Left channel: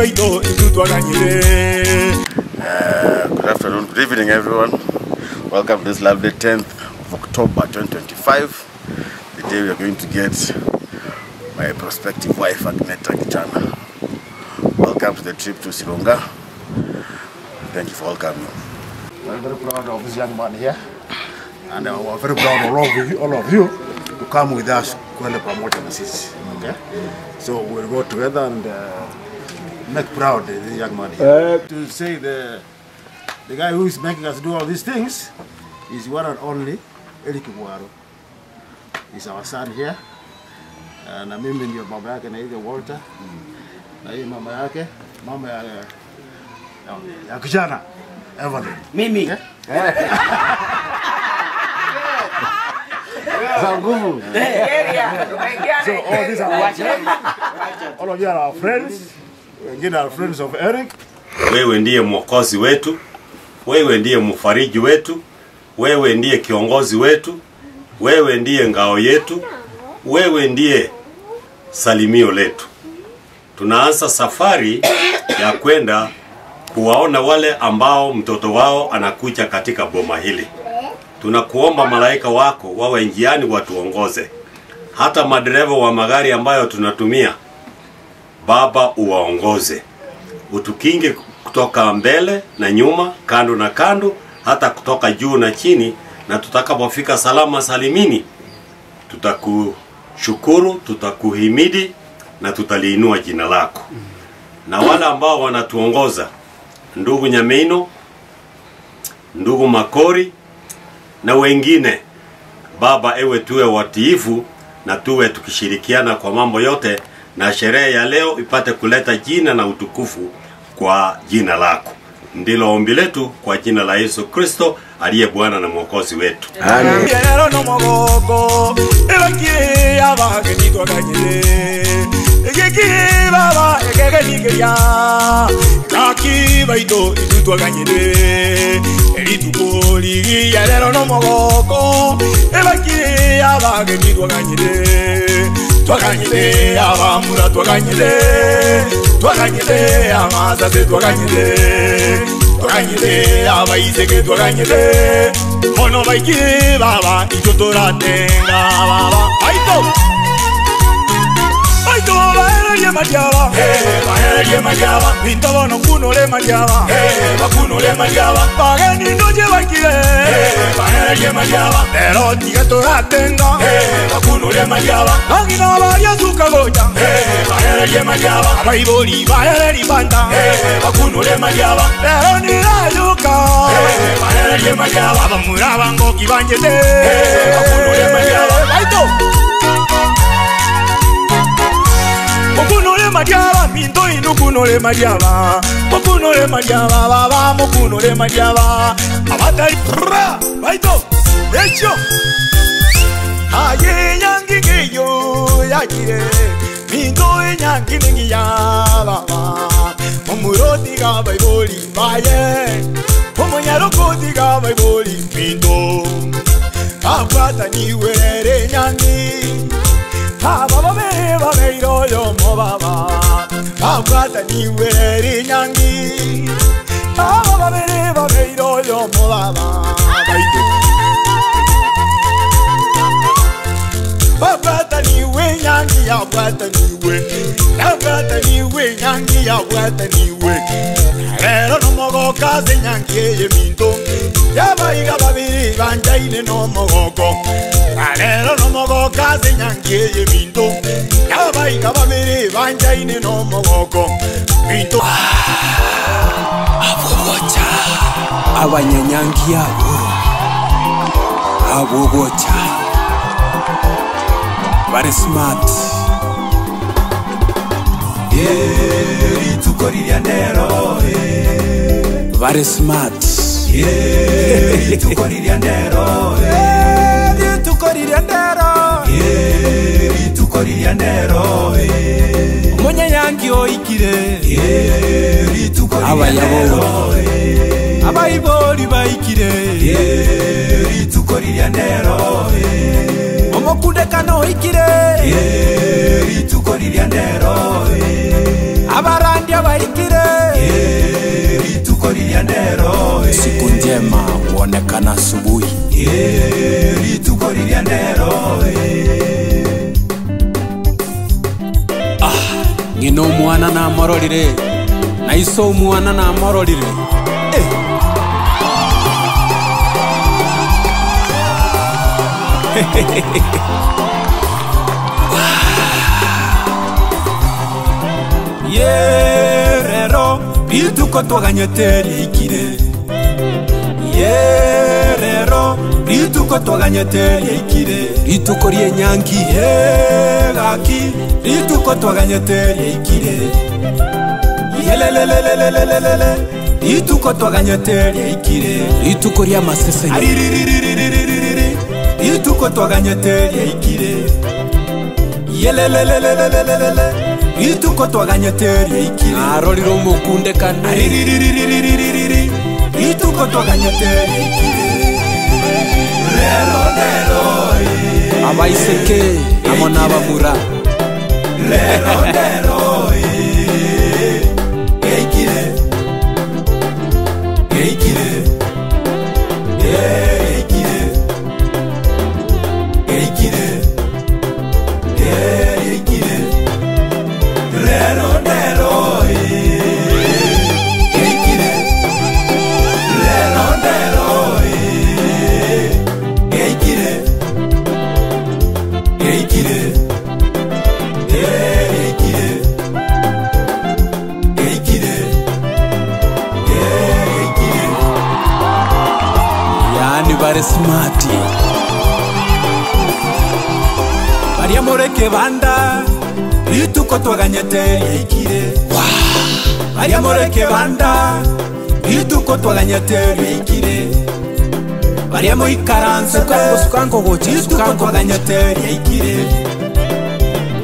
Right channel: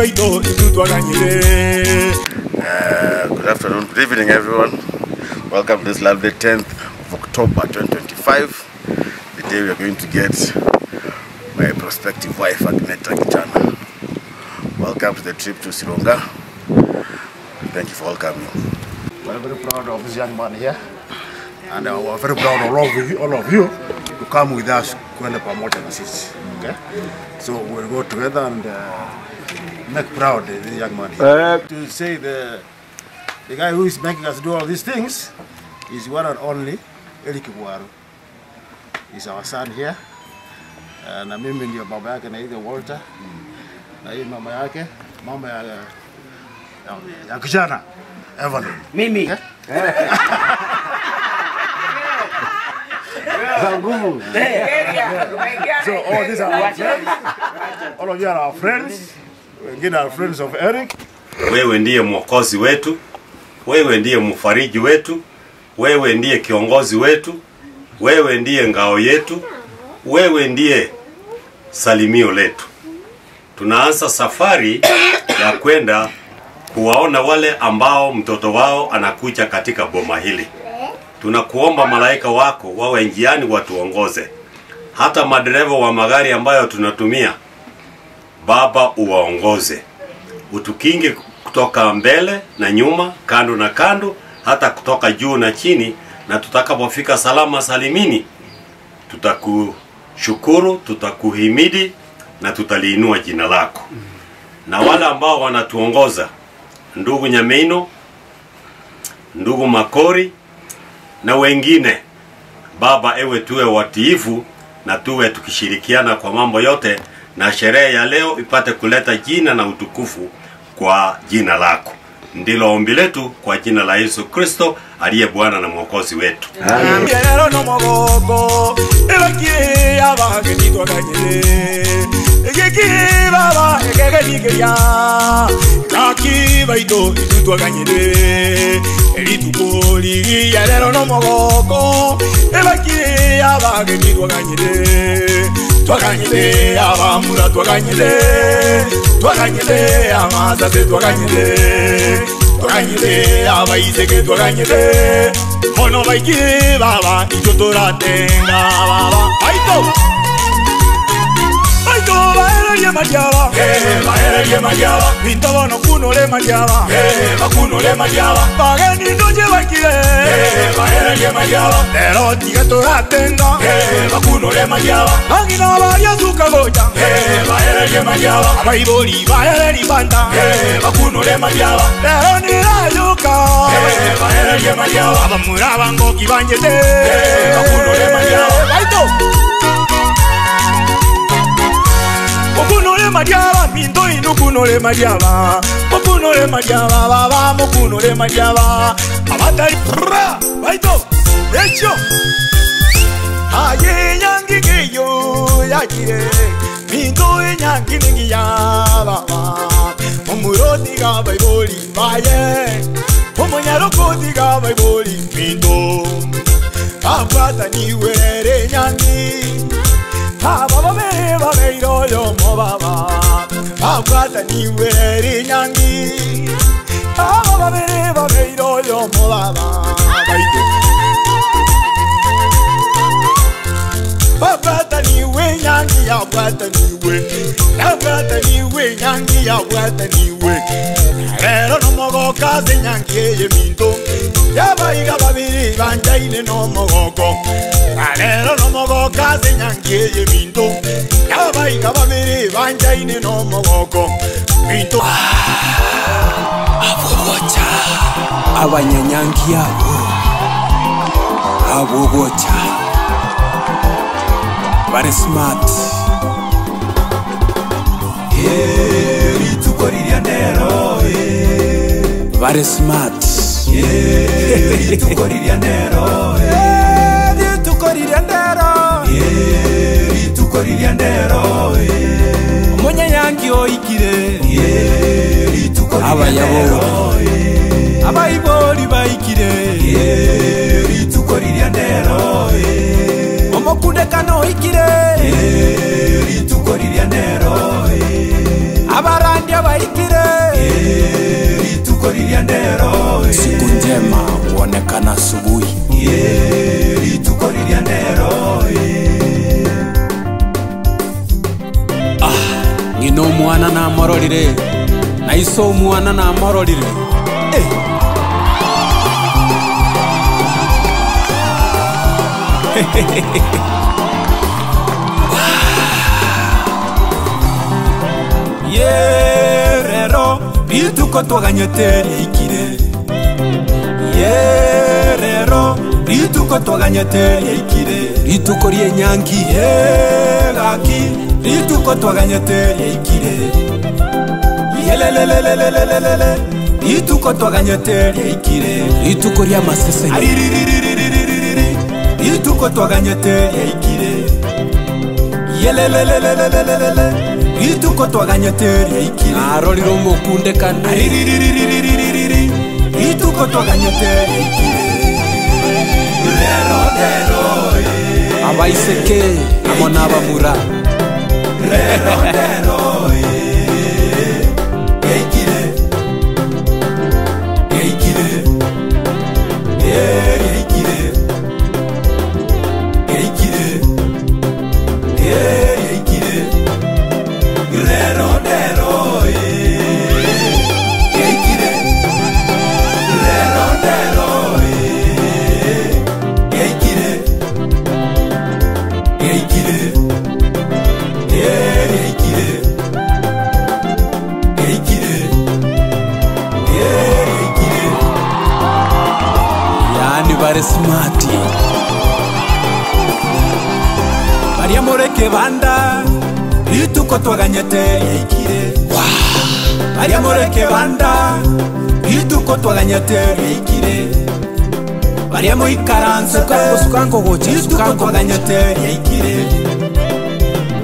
Good afternoon, good evening everyone. Welcome to this lovely 10th of October 2025. The day we are going to get my prospective wife Agneta Kichana. Welcome to the trip to Sironga. Thank you for welcoming. We're very proud of this young man here, and we're very proud of all of you to come with us kwenda pamoja na sisi. Okay, so we'll go together and make proud this young man here. To say the guy who is making us do all these things is one and only Eric Mwaru. He's our son here, na mimi ndio baba yake naitwa Walter, na hii mama yake, mama ya kijana Evelyn. Mimi. So all these are our friends. All of you are our friends. Wengine are friends of Eric. Wewe ndiye mwokozi wetu, wewe ndiye mfariji wetu, wewe ndiye kiongozi wetu, wewe ndiye ngao yetu, wewe ndiye salimio letu. Tunaanza safari ya kwenda kuwaona wale ambao mtoto wao anakuja katika boma hili. Tunakuomba malaika wako wawe njiani watuongoze. Hata madereva wa magari ambayo tunatumia, Baba uwaongoze. Utukinge kutoka mbele na nyuma, kando na kando, hata kutoka juu na chini, na tutakapofika salama salimini, tutakushukuru, tutakuhimidi na tutaliinua jina lako. Na wale ambao wanatuongoza, ndugu Nyameino, ndugu Makori na wengine, Baba ewe tuwe watiifu na tuwe tukishirikiana kwa mambo yote, na sherehe ya leo ipate kuleta jina na utukufu kwa jina lako. Ndilo ombi letu kwa jina la Yesu Kristo aliye Bwana na Mwokozi wetu. Amen. Twaganyire abamura twaganyire amazaze twaganyire abayizege twaganyire mono baigire baba icyo turatenga baba aito bahererie majyaba bintobono kunole majyaba bageni ndoje bagire lero tiga turatenga nangina abayazuka goja abaiboli bahereri banda lero nirajuka abamura ngo kibanyete aito Mokunole majaba, minto inukunole majaba. Mokunole majaba, baba, mokunole majaba. Abatari, baito, echo. Aye, yangi geyo, yakire. Minto yangi ningi ya, baba. Momuroti ga baiboli, baye. Momonyaroko ga baiboli, minto. Abata niwe yangi. Baba beba beiro yo mo baba abata niwe nyangi baba beba beiro yo mo baba abata niwe nyangi abata niwe nyangi abata niwe lero no mogo kaze nyangi ye minto yaba iga babiri banjaine no mogo lero no mogo kaze nyangi ye minto yaba iga babiri banjaine no mogo minto Abogocha abanyanyangi abo abogocha very smart. Very smart. Omunyanyangi oikire abayaboli abayiboli baikire omokundekano oikire abarandia baikire. Siku njema huonekana asubuhi. Ngino mwana na mororire na iso mwana na mororire. Yerero rituko twaganyeteri ikire. Yerero rituko twaganyeteri ikire. Rituko rie nyangi yegaki rituko twaganyeteri ikire. Yelelelelelelelele rituko twaganyeteri ikire. Rituko ria masese rituko twaganyeteri ikire. Yelelelelelelele rituko twaganyeteri ikire. Aroriro mukunde kane rituko twaganyeteri ikire. Abaiseke amona abamura. Bare smart Maria moreke banda rituko twaganyeteri ikire. Maria moreke banda rituko twaganyeteri ikire. Maria moikaransa sukango goje sukango twaganyeteri ikire.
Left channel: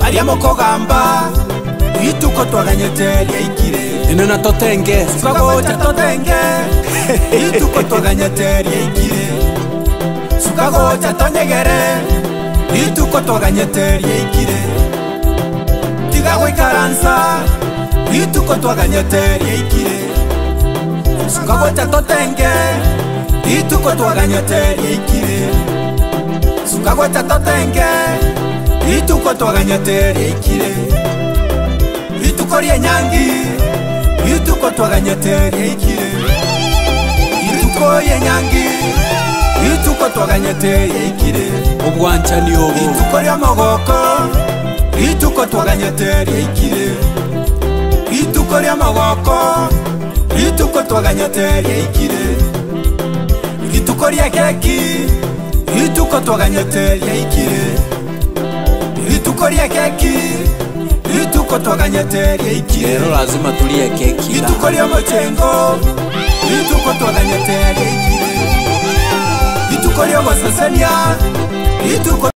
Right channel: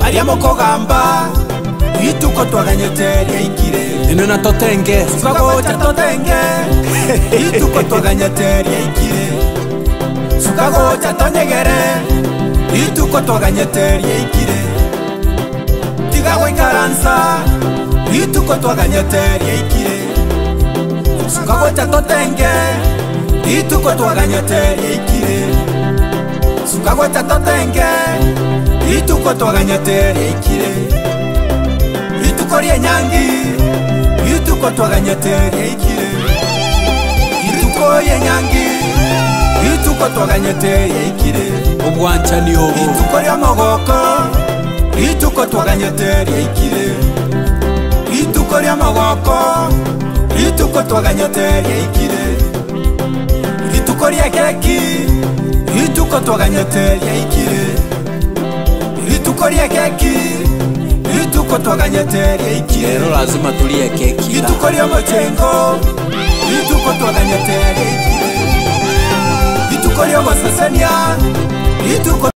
Maria mokogamba rituko twaganyeteri ikire. Ino na totenge sukango totenge rituko twaganyeteri ikire. Sukago chatonyegere rituko twaganyeteri ikire. Tigago ikaransa rituko twaganyeteri ikire. Sukago chatotenge rituko twaganyeteri ikire. Sukago chatotenge rituko twaganyeteri ikire. Rituko rie nyangi rituko twaganyeteri ikire. Rituko rie nyangi rituko twaganyeteri ikire. Obwancha ni obo rituko ria magoko rituko twaganyeteri ikire. Rituko ria magoko rituko twaganyeteri ikire. Rituko ria keki rituko twaganyeteri ikire. Rituko ria keki rituko twaganyeteri ikire. Lero lazima tulie keki. Rituko ria mochengo rituko twaganyeteri ikire. Rituko ria masasania rituko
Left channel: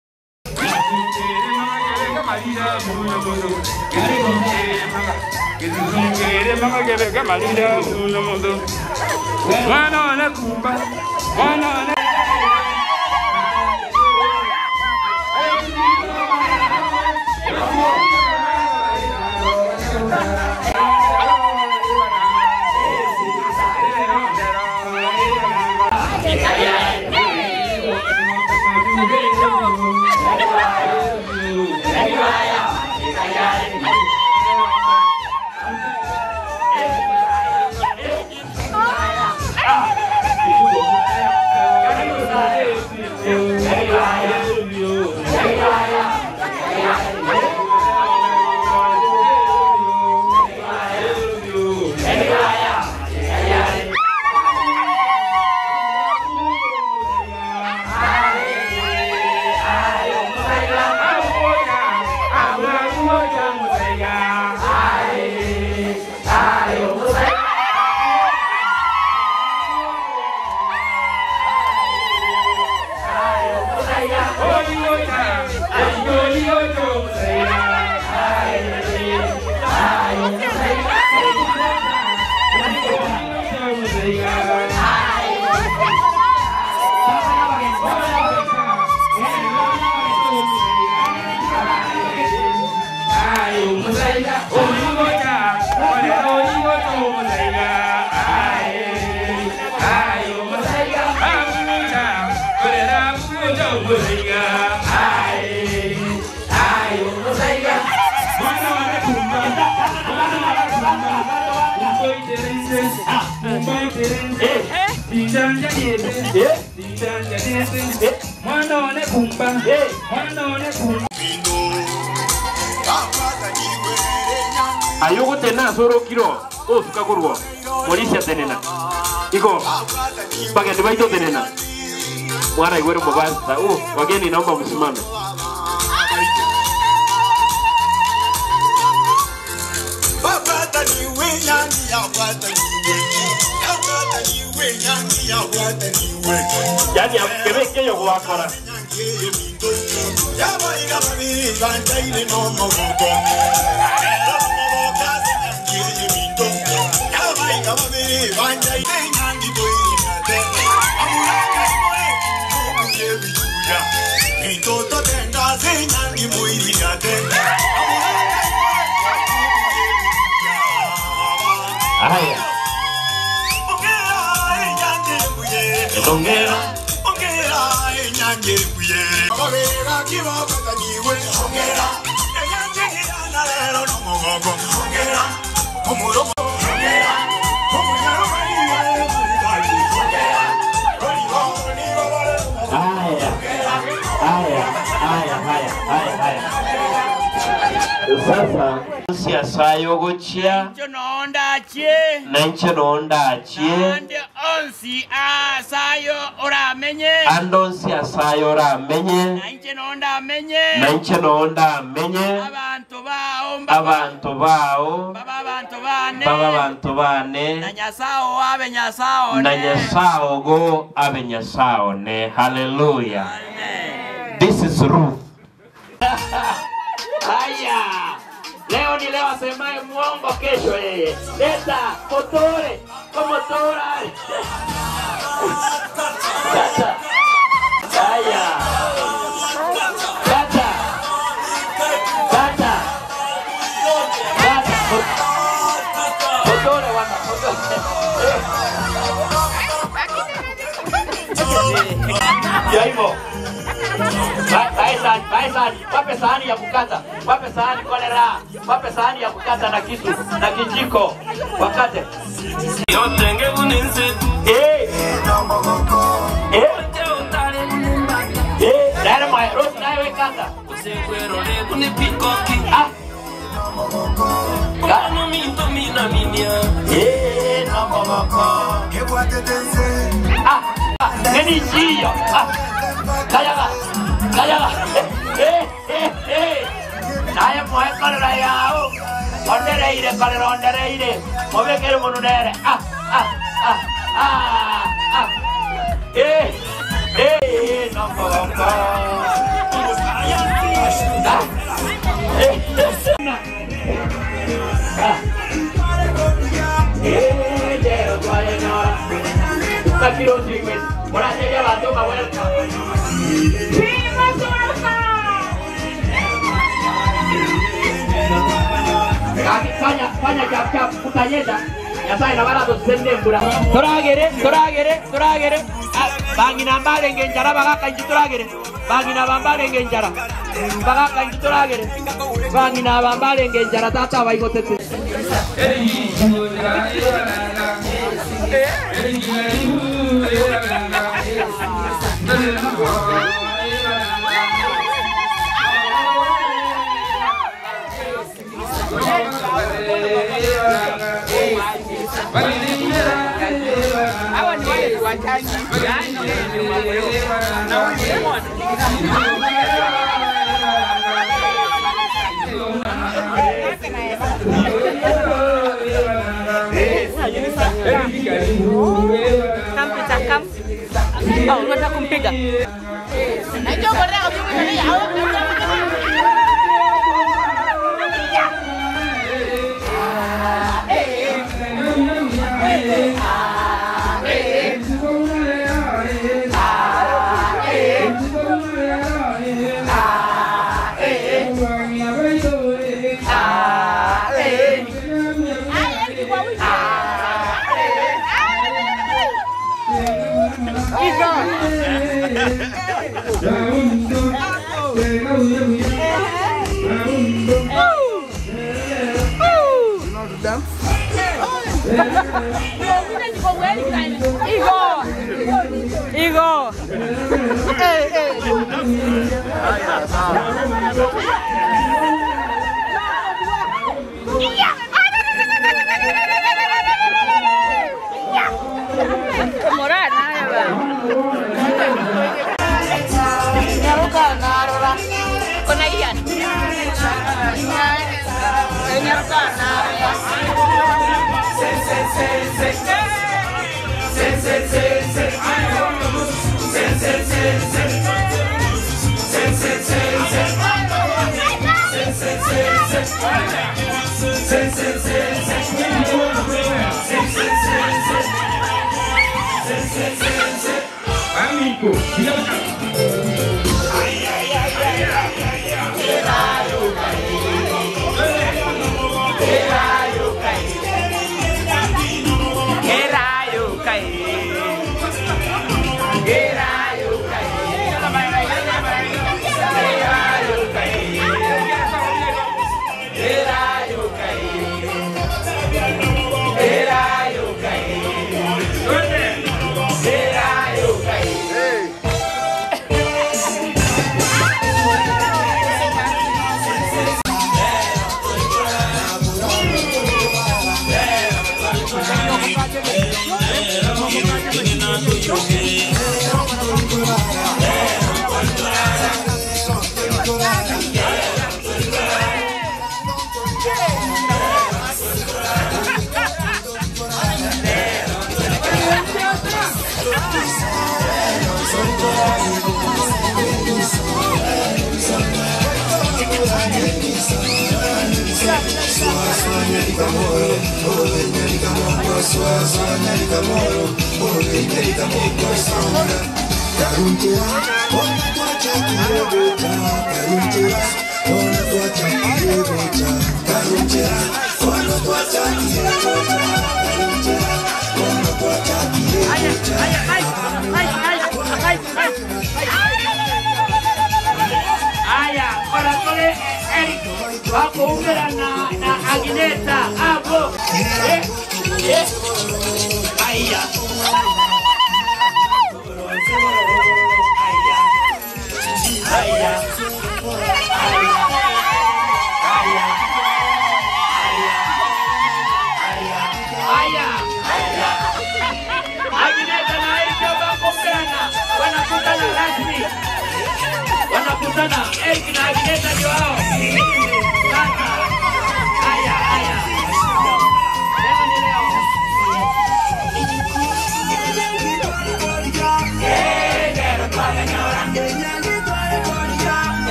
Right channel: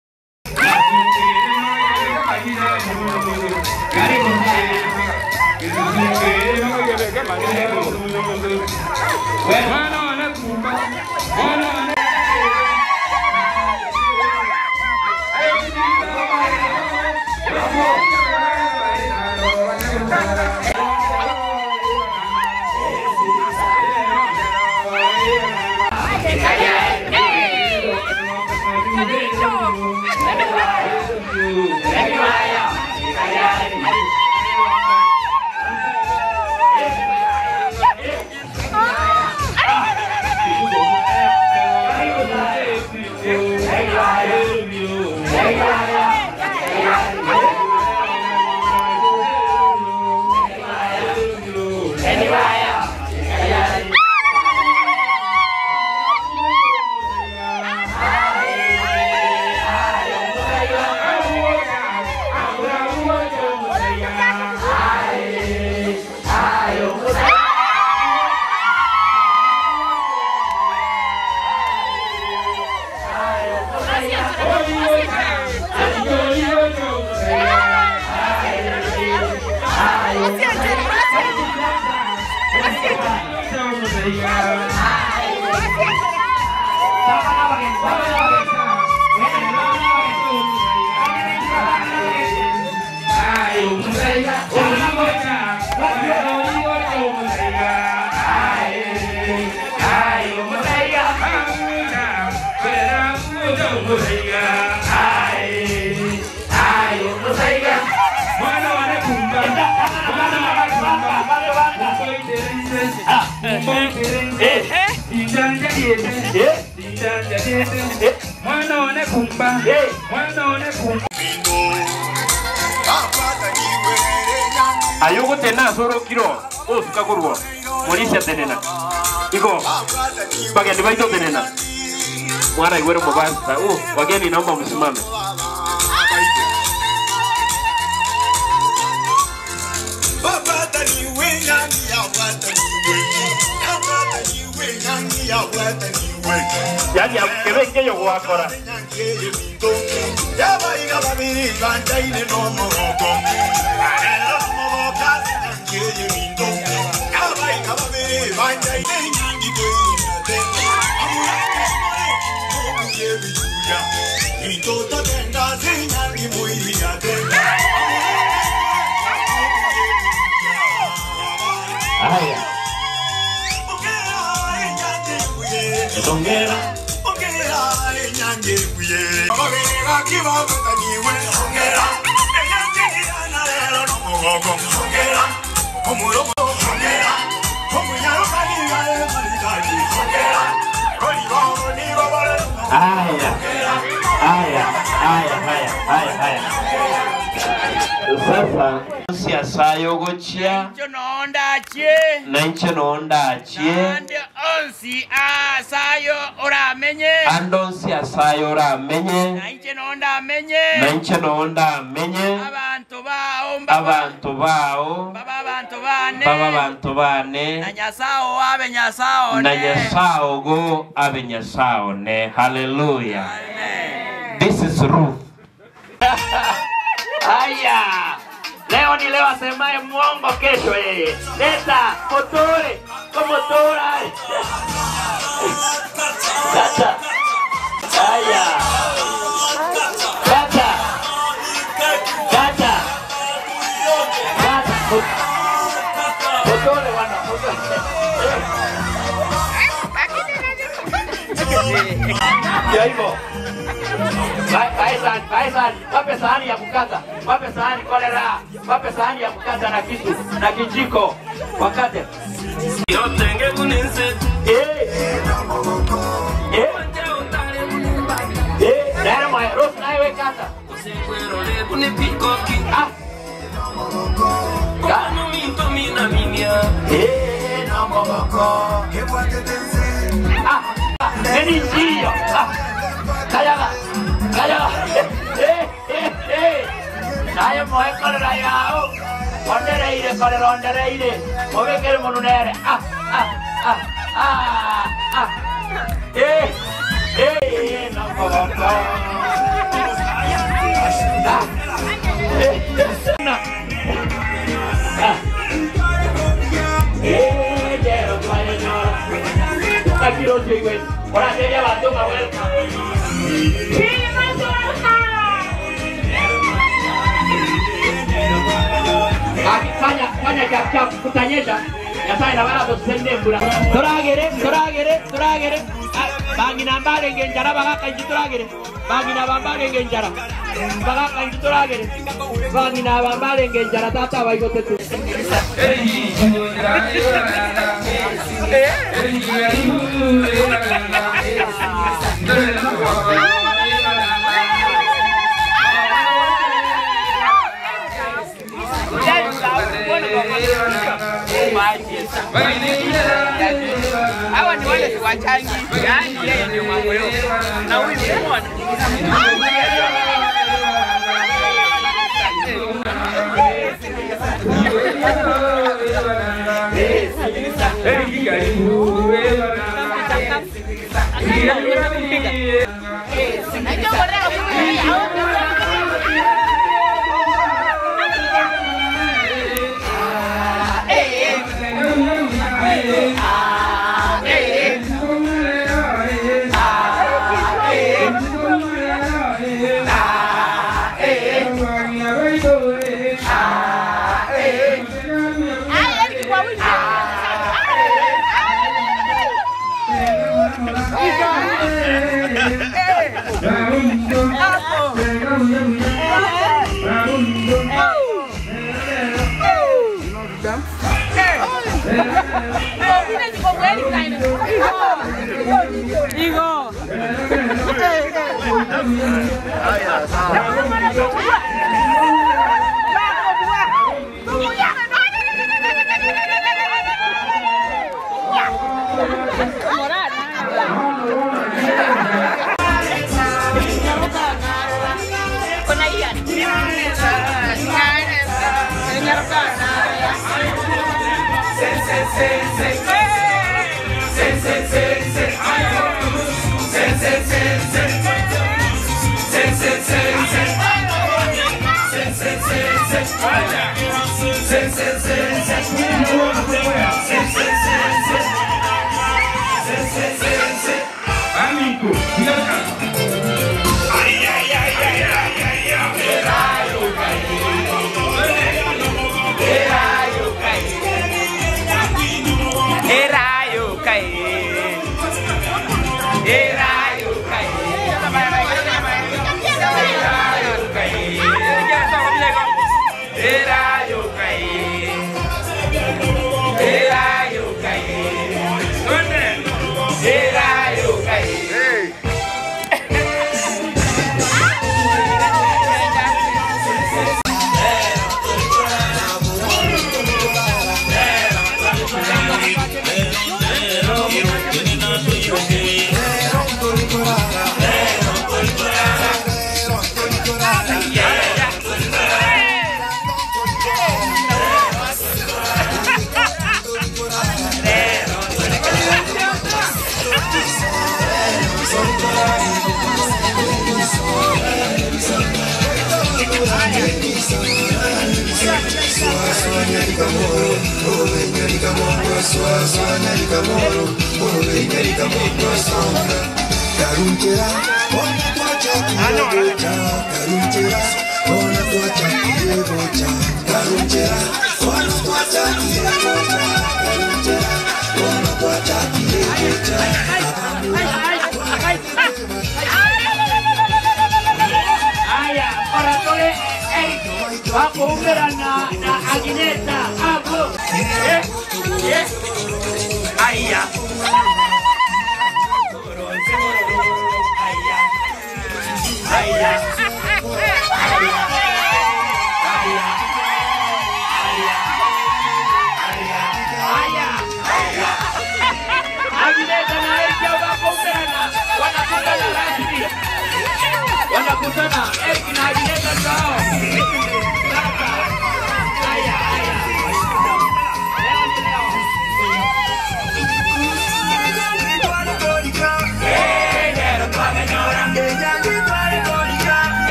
Ayugo tena soro kiro o suka kurwo molisha tenena iko bageni baito tenena mwana igwero mobasta wageni naomba msimame. Yani abeke yo wakora Sasa siasayo gochia nanche nonda achie andonsi asayo ora menye nanche nonda amenye abantu bao baba bantu bane na nyasao go abe nyasao ne. Hallelujah. Amen. This is Ruth. Haya, leo ni leo asemaye mwongo kesho yeye. Leta motore, komotora. Kata. Haya. Kata. Kata. Kata. Motore wana. Ya hivyo. Baisan, wape sahani ya kukata, wape sahani kolera, wape sahani ya kukata na kisu, na kijiko, wakate. Dara mwa, rosi na iwe kata. Nini chia? Kayaga. Saya mau kolera yao. Ondere ire. Mobe kere monunere. Nampak. Fanya cap kutanyesha yasa ina wala tusende mbura toragere bangi nambale ngenjara bagaka njitoragere bangi na bambale ngenjara bagaka njitoragere bangi na bambale ngenjara tata baigotete hawa ni wale wachangi yani yeye mambo yote na wewe Igo. Haya, sawa.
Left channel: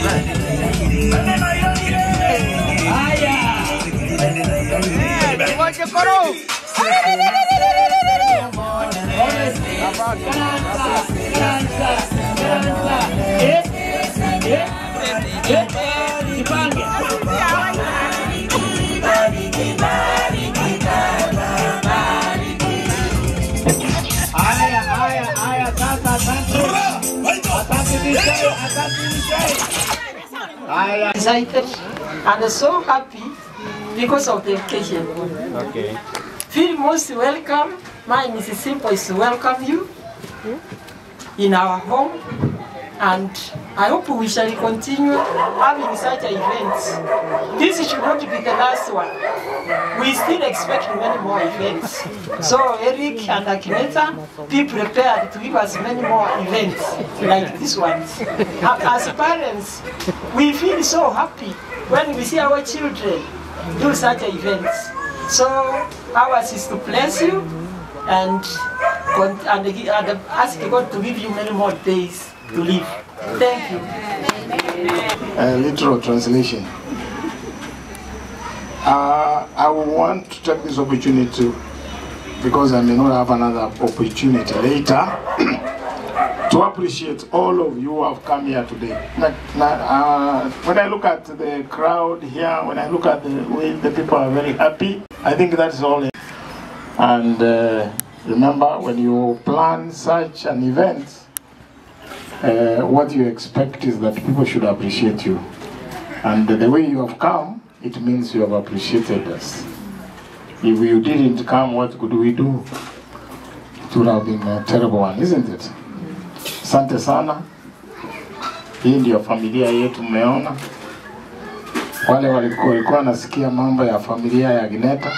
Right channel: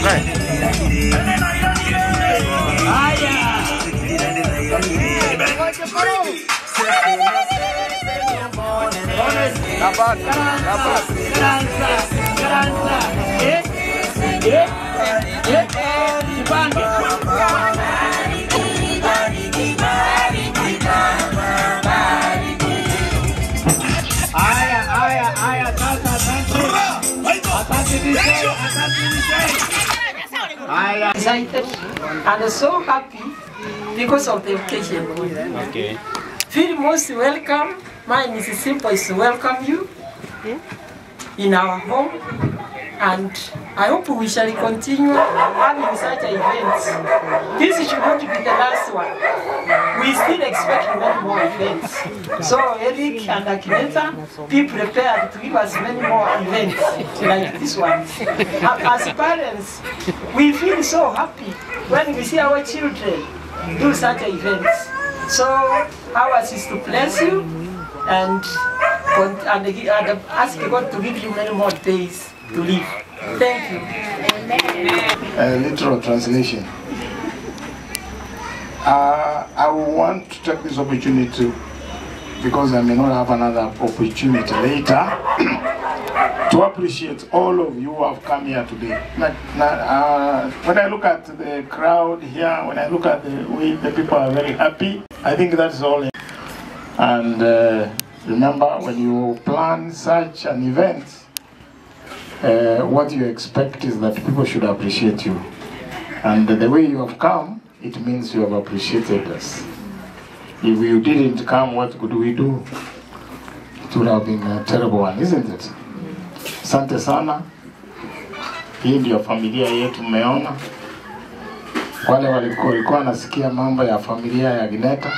Right. Excited and so happy because of the occasion. Okay. Feel most welcome. Mine is simple, is to welcome you in our home, and I hope we shall continue having such events. This should not be the last one. We still expect many more events. So Eric and Akineta, be prepared to give us many more events like this one. As parents, we feel so happy when we see our children do such events. So ours is to bless you and ask God to give you many more days to live. Thank you. Literal translation. I want to take this opportunity to, because I may not have another opportunity later, to appreciate all of you who have come here today. When I look at the crowd here, when I look at the way the people are very happy, I think that's all. And remember, when you plan such an event, what you expect is that people should appreciate you. And the way you have come, it means you have appreciated us. If you didn't come, what could we do? It would have been a terrible one, isn't it? Asante sana. Hii ndio familia yetu mmeona. Wale walikuwa nasikia mambo ya familia ya Gineta,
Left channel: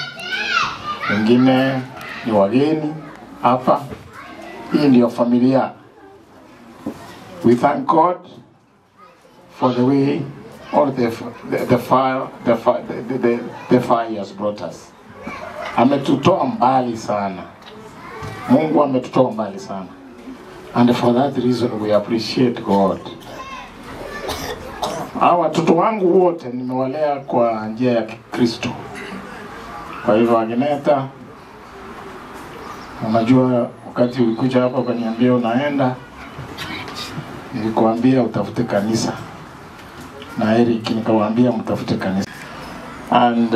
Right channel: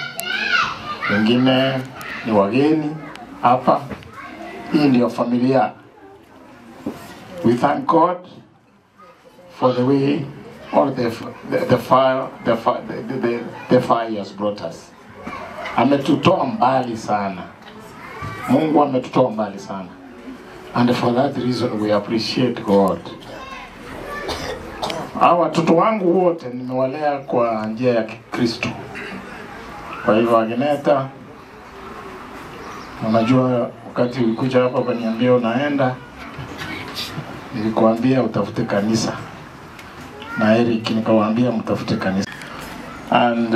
wengine ni wageni hapa. Hii ndio familia. We thank God for the way all the fire has brought us. Ametutoa mbali sana. Mungu ametutoa mbali sana. And for that reason we appreciate God. Hawa watoto wangu wote nimewalea kwa njia ya Kristo. Kwa hivyo Agineta, unajua wakati ulikuja hapa kaniambia unaenda, nilikuambia utafute kanisa. Na Eric nikawaambia mtafute kanisa. And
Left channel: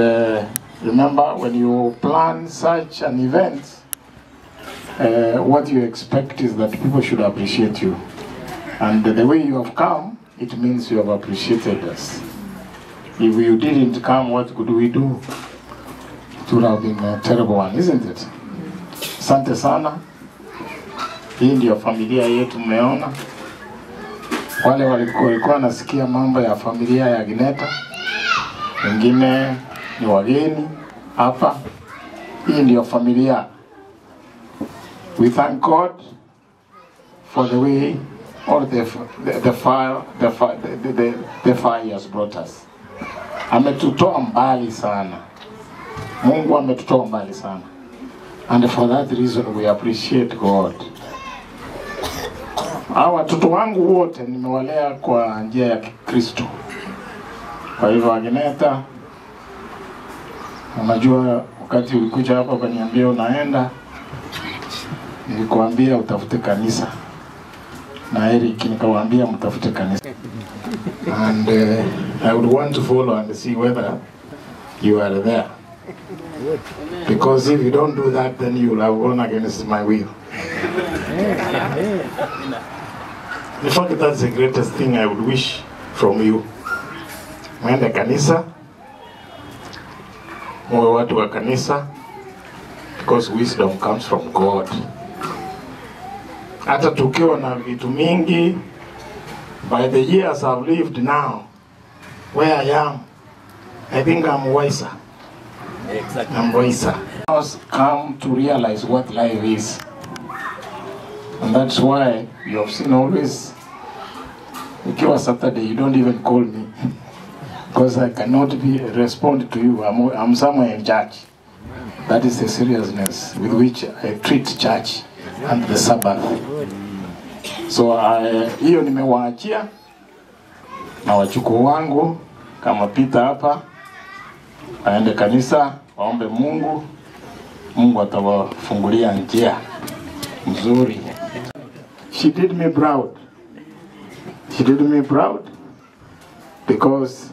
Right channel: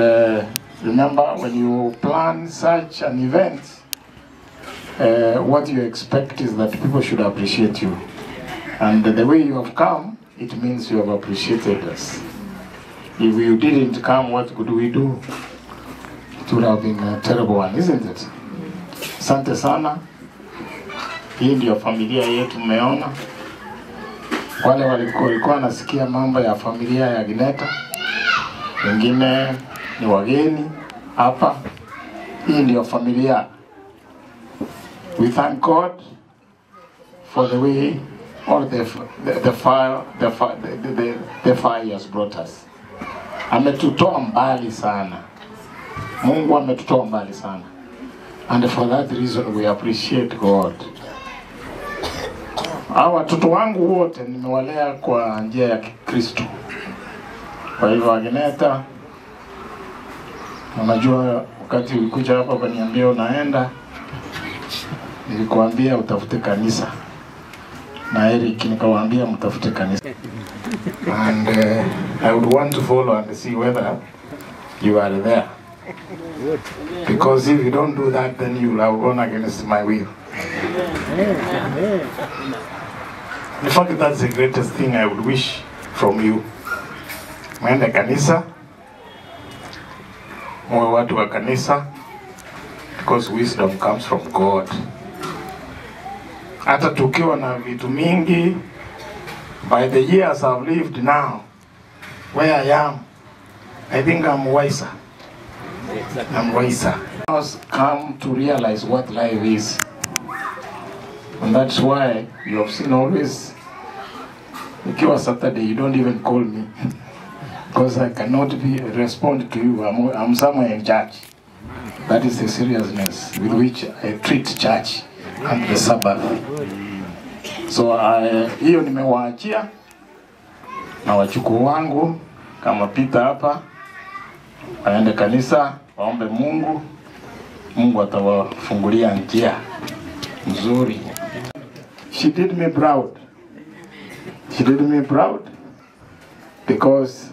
remember, when you plan such an event, what you expect is that people should appreciate you. And the way you have come, it means you have appreciated us. If you didn't come, what could we do? It would have been a terrible one, isn't it? Asante sana. Hii ndio familia yetu mmeona. Wale walikuwa nasikia mambo ya familia ya Gineta, wengine ni wageni hapa. Hii ndio familia. We thank God for the way all the fire has brought us. Ametutoa mbali sana. Mungu ametutoa mbali sana. And for that reason we appreciate God. Hawa watoto wangu wote nimewalea kwa njia ya Kristo. Kwa hivyo Agineta, unajua wakati ulikuja hapa kaniambia unaenda, nilikuambia utafute kanisa. Na Eric nikawaambia mtafute kanisa. And I would want to follow and see whether you are there. Because if you don't do that, then you will have gone against my will. In fact, that's the greatest thing I would wish from you. Mwende kanisa, mwe watu wa kanisa, because wisdom comes from God. Hata tukiwa na vitu mingi, by the years I've lived now, where I am, I think I'm wiser. Exactly. I'm wiser. I was come to realize what life is. And that's why you have seen always, ukiwa Saturday, you don't even call me. Because I cannot respond to you. I'm somewhere in church. That is the seriousness with which I treat church and the Sabbath. So hiyo nimewaachia na wachukuu wangu kama Peter hapa waende kanisa waombe Mungu. Mungu atawafungulia njia nzuri. She did me proud. She did me proud because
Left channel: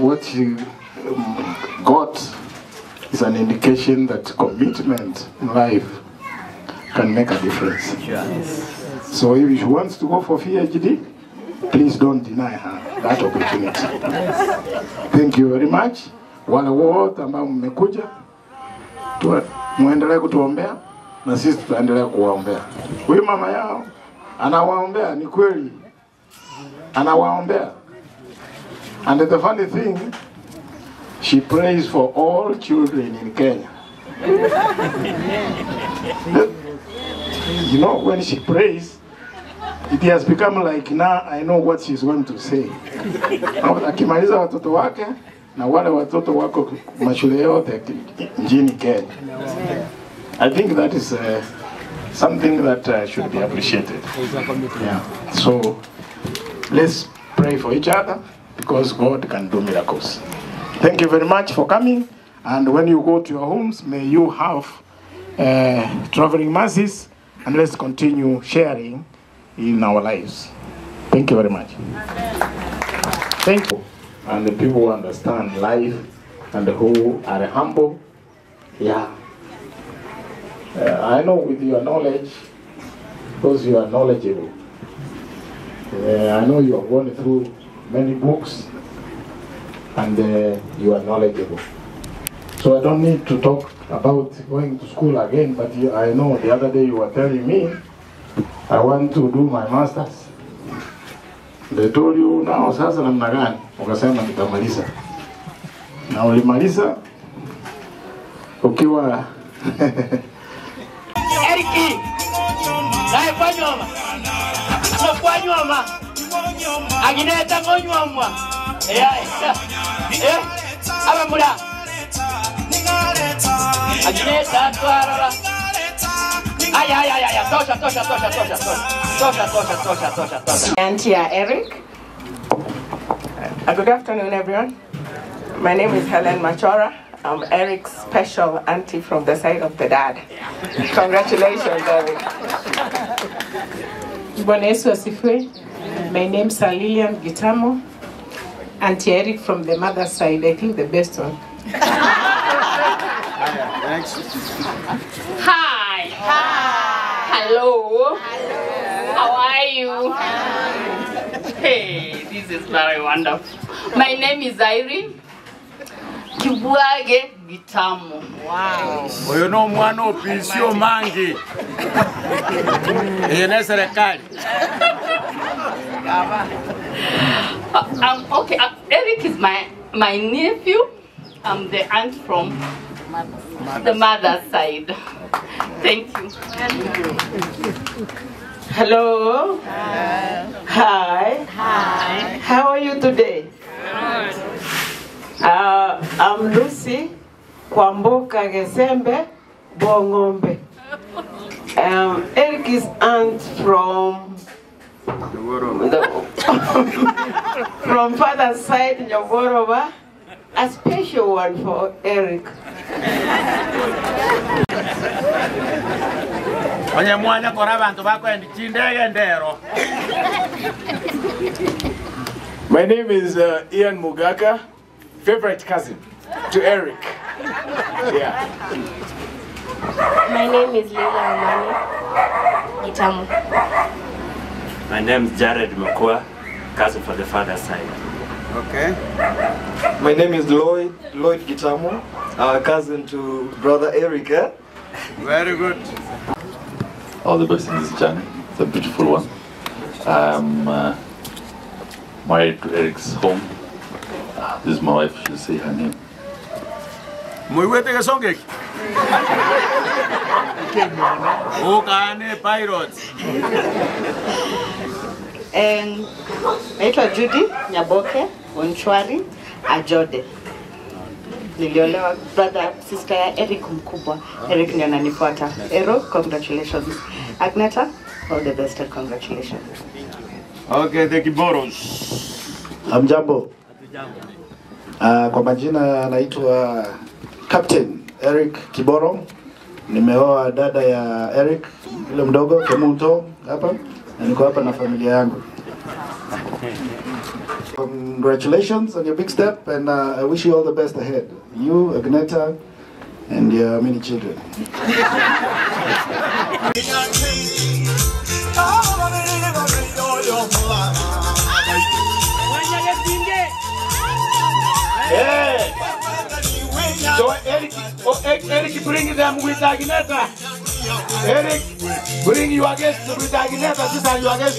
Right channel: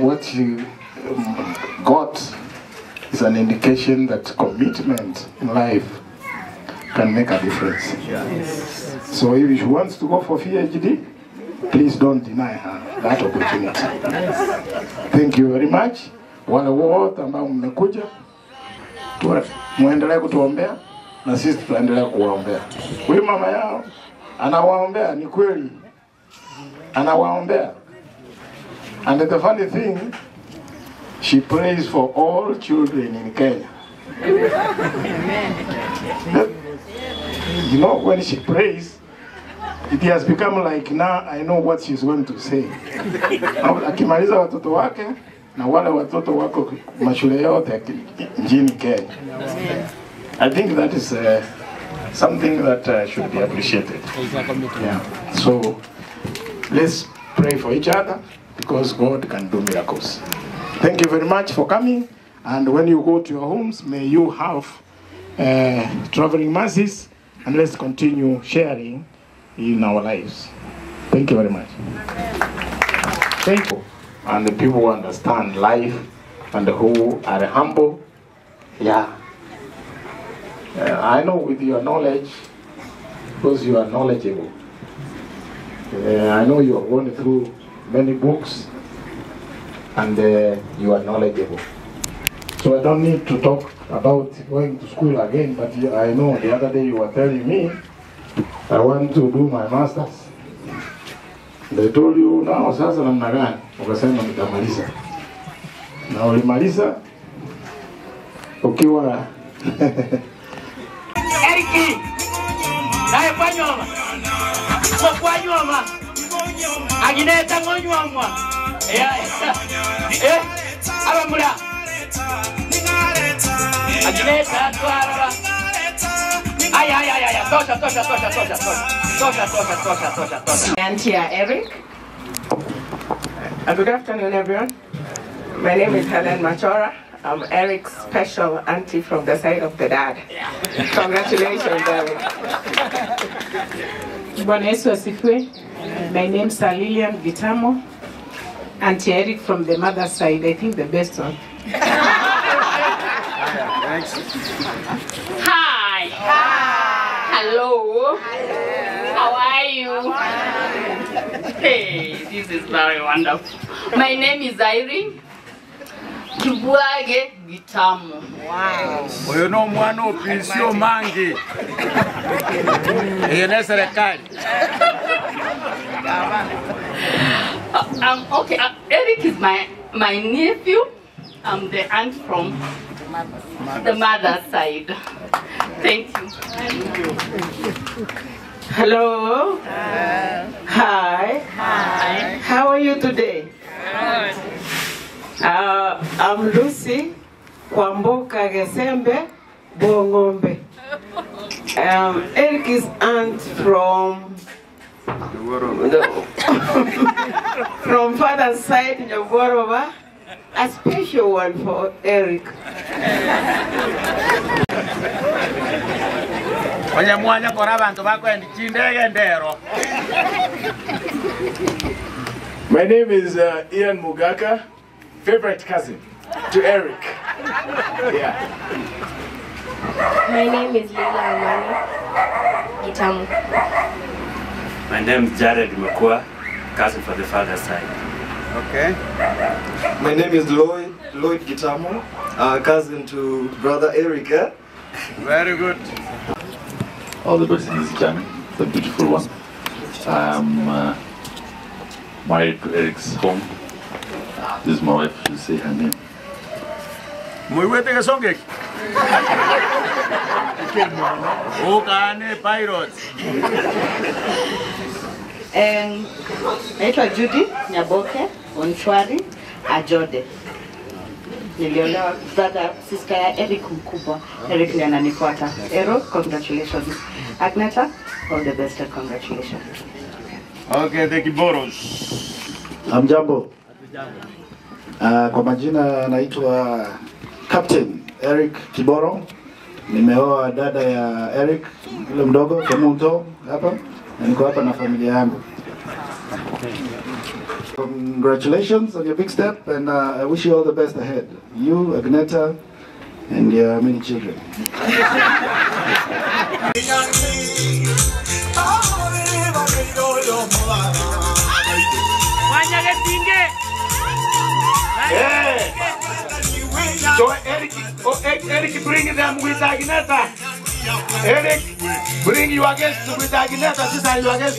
what she got is an indication that commitment in life can make a difference. So if she wants to go for PhD, please don't deny her that opportunity. Thank you very much. Wale wote ambao mmekuja, muendelee kutuombea na sisi tutaendelea kuwaombea. Huyu mama yao anawaombea, ni kweli. Anawaombea. And the funny thing, she prays for all children in Kenya. You know, when she prays, it has become like, now I know what she's going to say. Akimaliza watoto wake na wale watoto wako mashule yote nchini Kenya. I think that is something that should be appreciated. Yeah. So let's pray for each other because God can do miracles. Thank you very much for coming, and when you go to your homes, may you have traveling mercies, and let's continue sharing in our lives. Thank you very much. Thank you. And the people who understand life and who are humble, yeah. I know with your knowledge, because you are knowledgeable. I know you have gone through many books and you are knowledgeable. So I don't need to talk about going to school again, but I know the other day you were telling me, I want to do my master's. They told you, now sasa namna gani? Ukasema nitamaliza. Na ulimaliza ukiwa Eriki, nae kwa nyoma. Kwa nyoma. Agineta ngonyoma. Abamula. Agineta twara. Ay. Tosha. Auntie Eric. Good afternoon, everyone. My name is Helen Machora. I'm Eric's special auntie from the side of the dad. Congratulations, Eric. Bwana Yesu asifiwe. My name is Lilian Gitamo. Auntie Eric from the mother's side. I think the best one. Hi. Hello. How are you? Hey, this is very wonderful. My name is Irene Kibuage Gitamo. Wow. Oyo no mwana opisio mangi. Ene serikali. Okay, Eric is my nephew. I'm the aunt from the mother's side. Thank you. Hello. Hi. How are you today? Good. I'm Lucy Kwamboka Gesembe Bongombe. Eric is aunt from father's side, Nyogorova. A special one for Eric. Mwanya kora abantu bakwendi chindege ndero. My name is Ian Mugaka, favorite cousin to Eric. Yeah. My name is Leila Amani Gitamu. My name is Jared Makua, cousin for the father's side. Okay. My name is Lloyd Gitamo, cousin to brother Eric. Eh? Very good. All the best in this journey. It's a beautiful one. I'm married to Eric's home. This is my wife. She'll say her name. Muiwete kasonge. Ukane pirates. Naitwa Judy Nyaboke Onchwari Ajode. Niliolewa brother sister ya Eric mkubwa. Eric ndiye ananifuata. Ero, congratulations. Agneta, all the best and congratulations. Okay, the Kiboros. Hamjambo. Kwa majina naitwa Captain Eric Kiboro. Nimeoa dada ya Eric yule mdogo Kemunto hapa, na niko hapa na familia yangu. Congratulations on your big step, and I wish you all the best ahead. You, Agneta, and your many children. Hey! So Eric, bring them with Agneta. Eric, bring your guests with Agneta. This are your guests.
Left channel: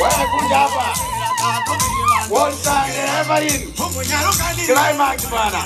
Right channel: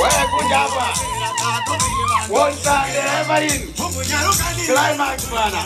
Hey, good job. One time ever in climax, brother.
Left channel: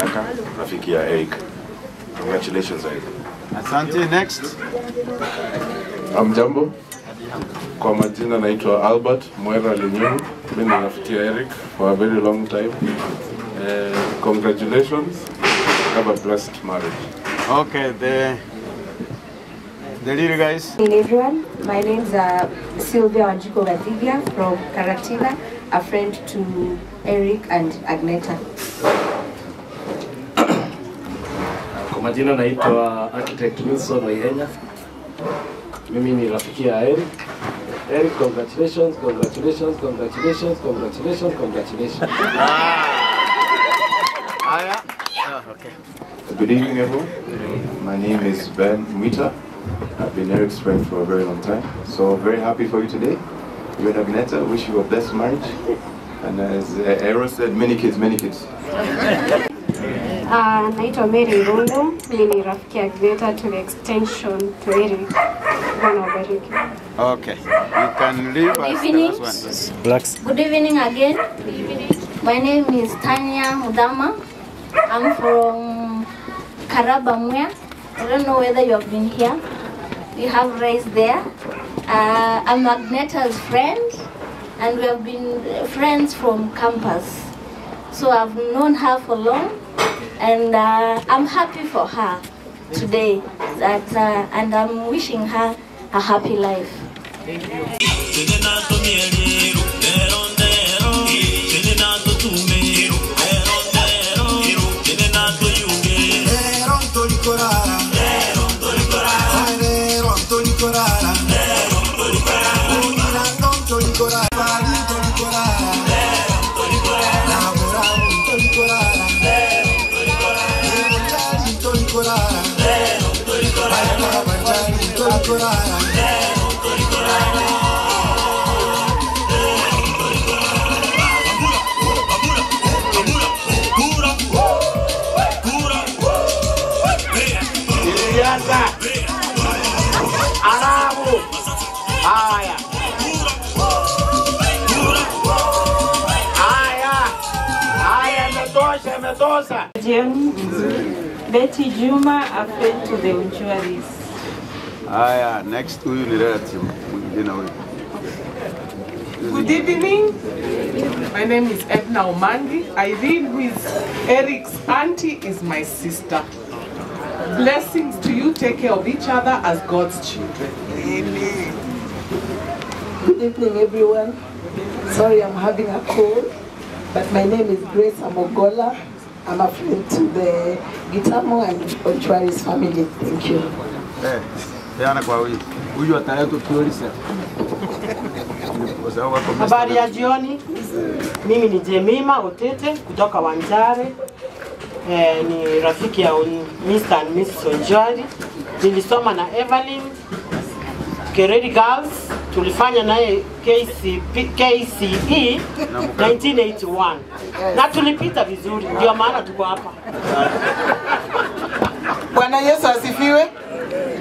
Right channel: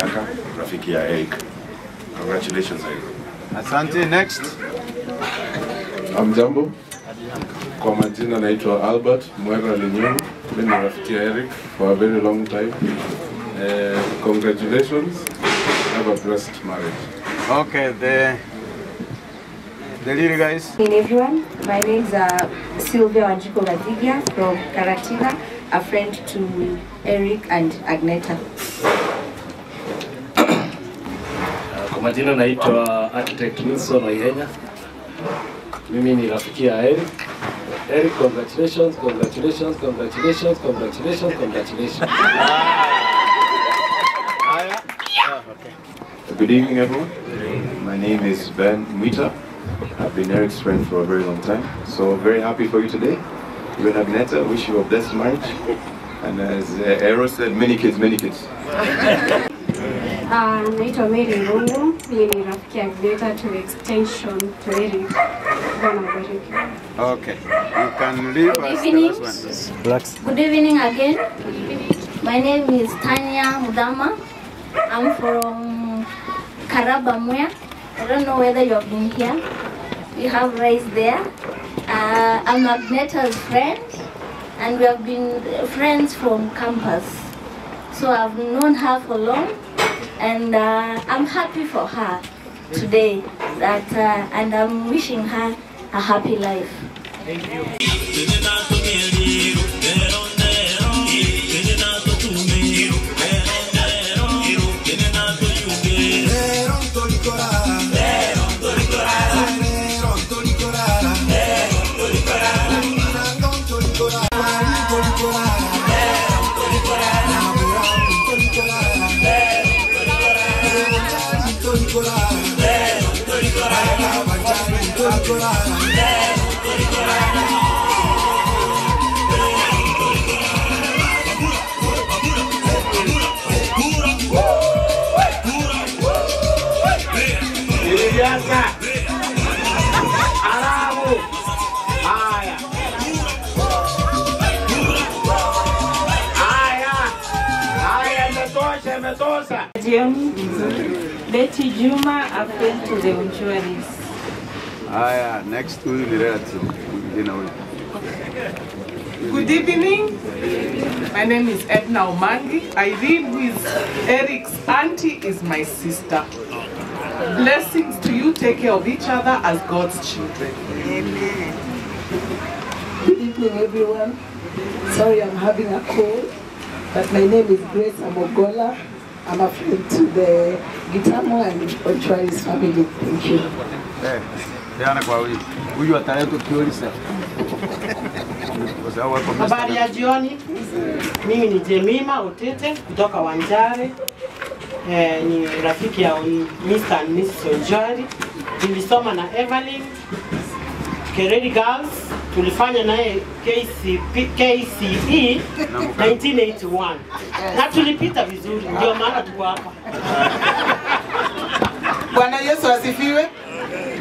Yaka, rafiki ya Eric. Congratulations, Eric. Asante. Next. Hamjambo. Kwa majina naitwa Albert Mwera Lenyuru. Mimi ni rafiki ya Eric for a very long time. Congratulations. Have a blessed marriage. Okay, the little guys. Good evening, everyone. My name is Sylvia Wanjiko Vadigia from Karatina, a friend to Eric and Agneta. Kwa majina naitwa Architect Wilson Waihenya. Mimi ni rafiki ya Eric. Eric, congratulations, congratulations, congratulations, congratulations, congratulations. Good evening, everyone. My name is Ben Mwita. I've been Eric's friend for a very long time. So very happy for you today. You and Agneta, wish you a blessed marriage. And as Ero said, many kids, many kids. Naitwa Mary Rungu. Mimi ni rafiki ya Agneta to the extension to Eric. Bwana wabariki. Okay, you can leave Good us evening. the last one. Good evening again. Good evening. My name is Tanya Mudama. I'm from Karabamwea. I don't know whether you have been here. We have raised there. I'm Agneta's friend, and we have been friends from campus. So I've known her for long, and I'm happy for her today. And I'm wishing her a happy life. Thank you. Makosa. Betty Juma, a friend to the Unchuaris. Haya, next huyu ni relative mwingine huyu. Good evening. My name is Edna Omangi. Irene, who is Eric's auntie, is my sister. Blessings to you. Take care of each other as God's children. Amen. Good evening, everyone. Sorry, I'm having a cold, but my name is Grace Amogola. I'm a friend to the Gitamo and Onchwari's family. Thank you. Peana kwa huyu ataleta kiolisa. Habari ya jioni. Mimi ni Jemima Otete kutoka Wanjare. Ni rafiki ya Mr. and Mrs. Onjwari. Nilisoma na Evelyn Kereri Girls. Tulifanya naye KCE 1981. Na tulipita vizuri, ndio maana tuko hapa. Bwana Yesu asifiwe.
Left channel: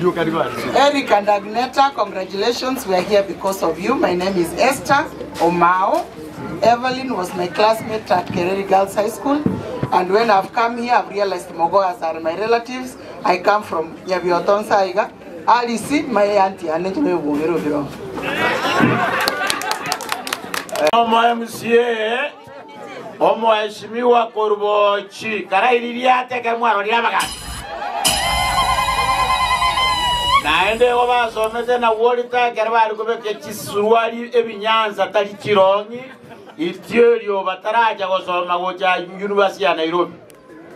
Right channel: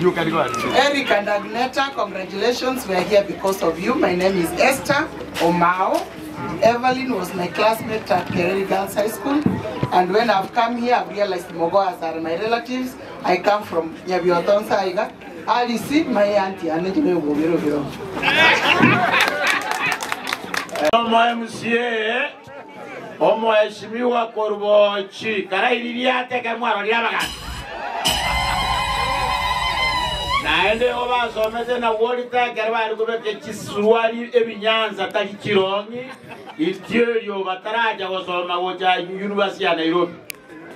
You can go ahead. Eric and Agneta, congratulations. We are here because of you. My name is Esther Omao. Evelyn was my classmate at Kereri Girls High School. And when I've come here, I've realized Mogoas are my relatives. I come from Nyabiotonsa Aiga. I received my auntie, and let me go. Omo MCA, omo heshimiwa Korubochi, karairiria ateke mwaro ria magana. Naende goba somete na worita kerwa rugobeke chisuruari ebinyanza tali chirongi itierio bataraja gosoma goja University ya Nairobi.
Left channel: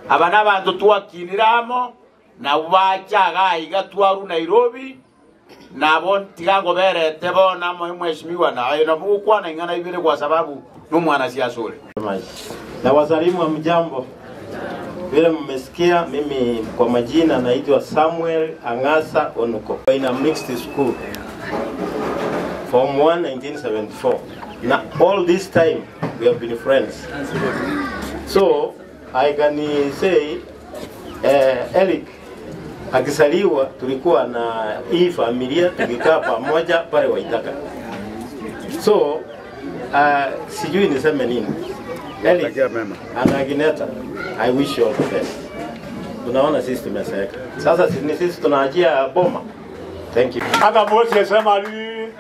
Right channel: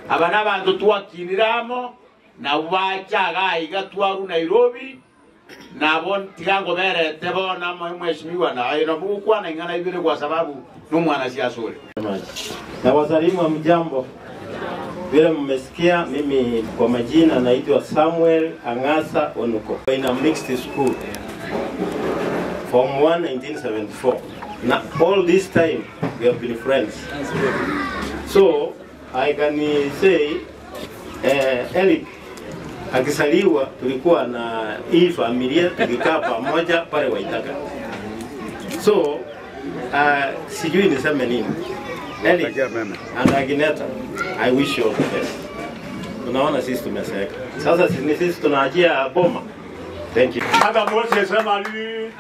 Abana bantu twakiniramo na bachaga igatwaru Nairobi na bon tigango berete bona mheshimiwa na ino bukwana ingana ibire kwa sababu no mwana siasa ule. Na wasalimu wa mjambo. Vile mmesikia, mimi kwa majina naitwa Samuel Angasa Onuko. In a mixed school from 1974. Now all this time we have been friends. So I can say Eric akisaliwa tulikuwa na hii familia tukikaa pamoja pale Waitaka. So sijui niseme nini. Eric and Agneta, I wish you all the best. Tunaona sisi tumeseka. Sasa sisi tunaajia boma. Thank you. Aka Moses Samari.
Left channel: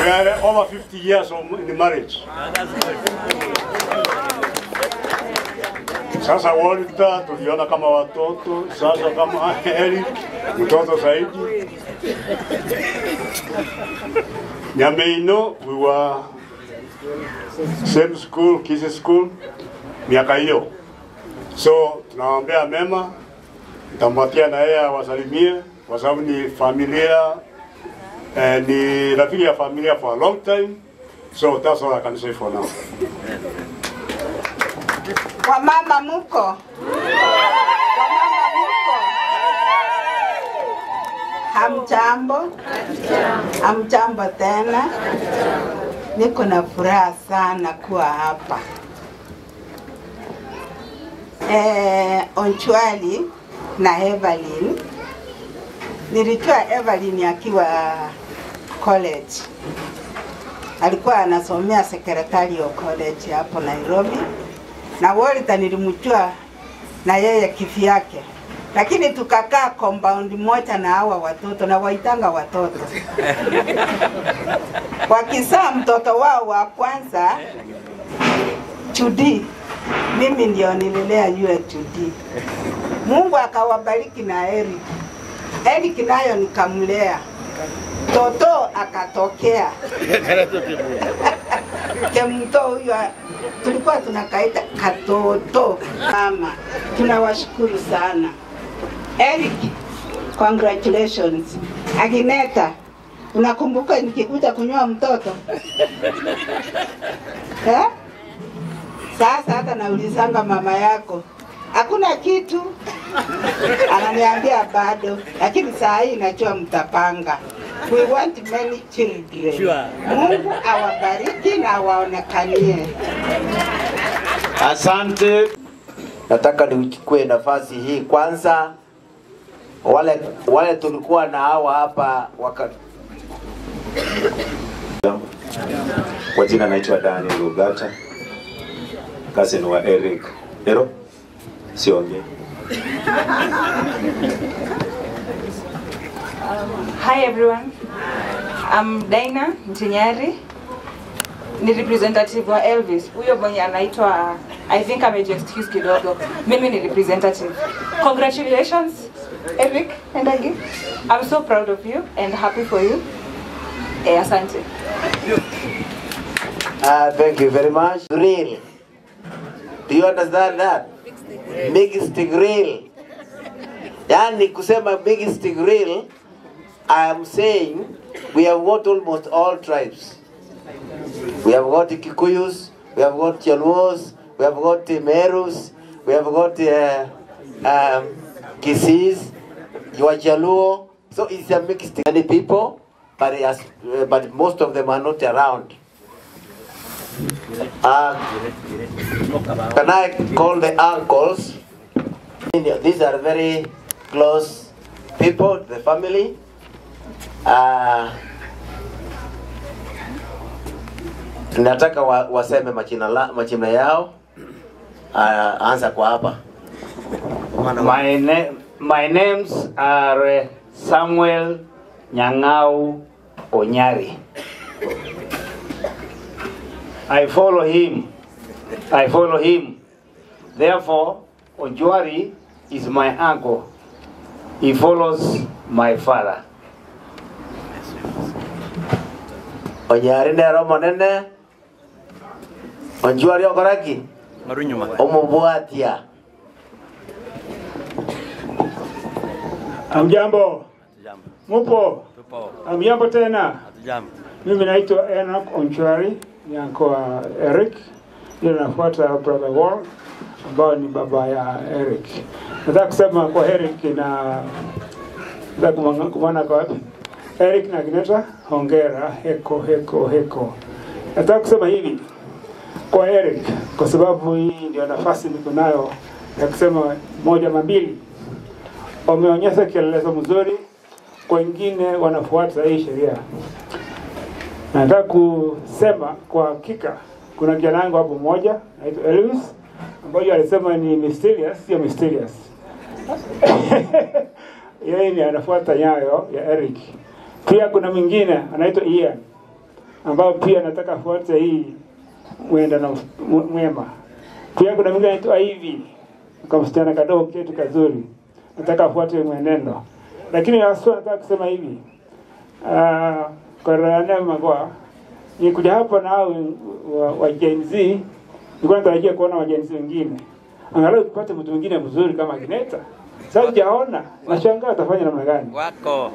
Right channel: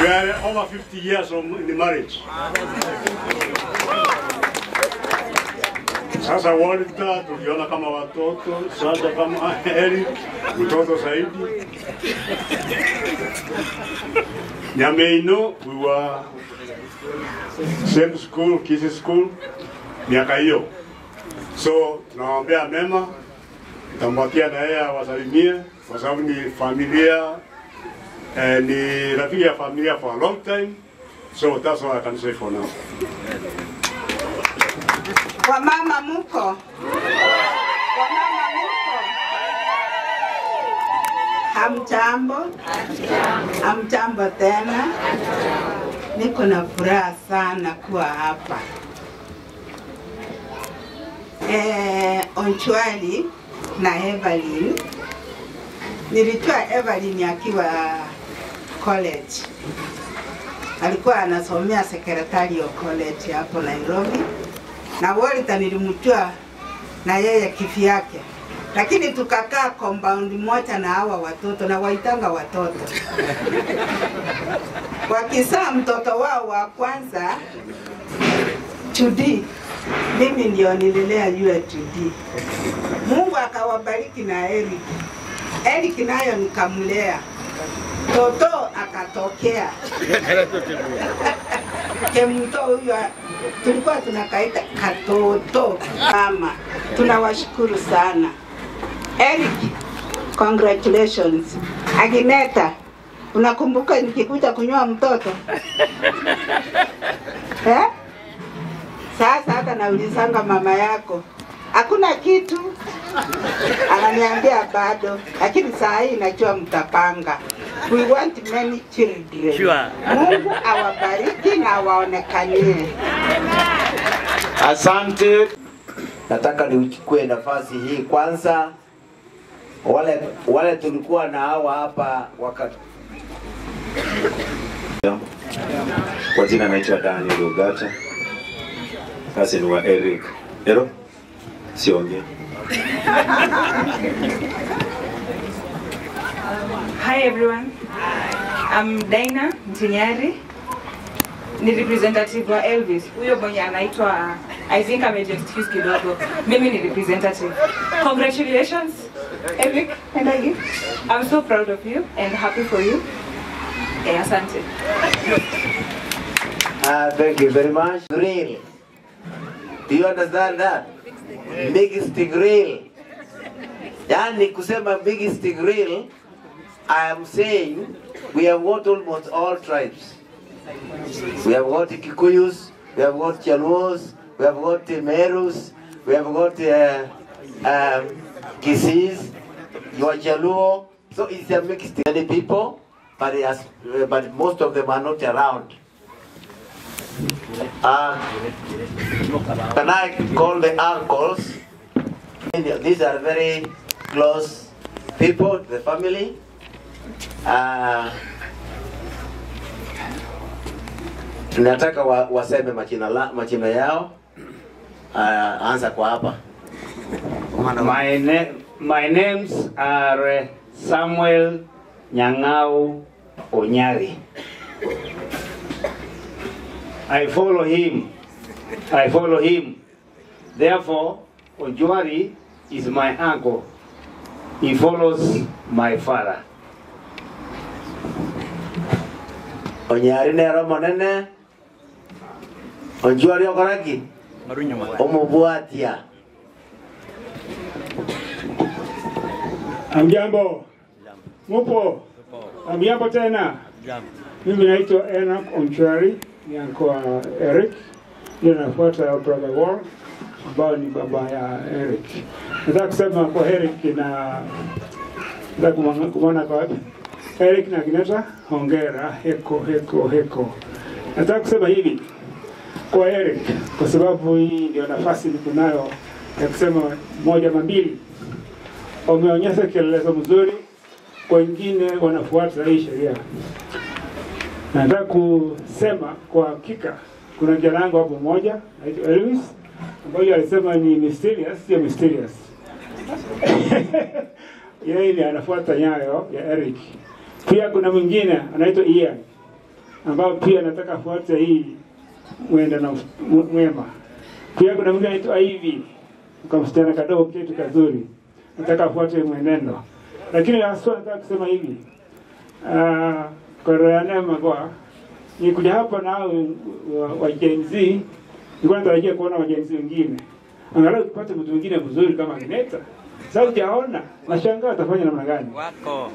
We are over 50 years in the marriage. Sasa Walter tuliona kama watoto, sasa kama Eric mtoto zaidi. Nyameino, we were same school, Kisi school, miaka hiyo. So tunawaambia mema, nitamwatia na yeye awasalimie kwa sababu ni familia, ni rafiki ya familia for a long time. So that's all I can say for now. Wamama muko. Wamama muko. Hamjambo. Hamjambo tena. Niko na furaha sana kuwa hapa. Onchwari na Evelyn. Nilitoa Evelyn akiwa college. Alikuwa anasomea secretarial college hapo Nairobi. Na Walter nilimjua na yeye kifi yake. Lakini tukakaa compound moja na hawa watoto na waitanga watoto. Wakizaa mtoto wao wa kwanza Tudi, mimi ndio nililea yule Tudi. Mungu akawabariki na Eric. Eric nayo nikamlea. Toto akatokea. Kemto huyo tulikuwa tunakaita katoto. Mama, tunawashukuru sana. Eric, congratulations. Agneta, unakumbuka nikikuja kunyoa mtoto? Sasa hata naulizanga mama yako, hakuna kitu. Ananiambia bado, lakini saa hii najua mtapanga. We want many children. Sure. Mungu awabariki na waonekanie. Asante. Nataka nichukue nafasi hii kwanza. Wale tulikuwa na hawa hapa wakati. Kwa jina naitwa Daniel Ugata. cousin wa Eric. Ero? Sionge. Hi everyone. I'm Dina Ntinyari. Ni representative wa Elvis. Huyo mwenye anaitwa, I think excuse kidogo. Mimi ni representative. Congratulations, Eric and Agi. I'm so proud of you and happy for you. Asante. Thank you very much. Grill. Do you understand that? Biggest grill. Yani kusema biggest grill, I am saying we have got almost all tribes. We have got Kikuyus, we have got Chalwos, we have got Merus, we have got Kisis, Yuachaluo. So it's a mixed many people, but most of them are not around. Can I call the uncles? These are very close people, the family. Nataka waseme majina yao. Anza kwa hapa. My names are Samuel Nyang'au Onyari. I follow him. Therefore, Ojwari is my uncle. He follows my father. Onyari ne romo nene. Ojwari okaraki. Omubwatia. Amjambo. Mupo. Amjambo tena. Mimi naitwa Enoch Onchwari, ni uncle wa Eric. Ndio nafuata brother Wall, ambao ni baba ya Eric. Nataka kusema kwa Eric na kumana kwa wapi? Eric na Gineta, hongera, heko. Nataka kusema hivi kwa Eric, kwa sababu hii ndio nafasi niko nayo ya kusema moja mambili. Wameonyesha kielelezo mzuri, kwa wengine wanafuata hii sheria. Nataka kusema kwa hakika kuna kijana wangu hapo mmoja anaitwa Elvis, ambaye alisema ni mysterious, sio mysterious. Yeye ni anafuata nyayo ya Eric. Pia kuna mwingine anaitwa Ian, ambao pia nataka afuate hii mwenda na mwema. Pia kuna mwingine anaitwa Ivy, kama msichana kadogo kitu kazuri. Nataka afuate mwenendo. Lakini haswa nataka kusema hivi. Kwa neema kwa nikuja hapa na wa Gen Z, nilikuwa natarajia kuona wa Gen Z wengine. Angalau tupate mtu mwingine mzuri kama Gineta. Sasa hujaona, nashangaa atafanya namna gani? Wako.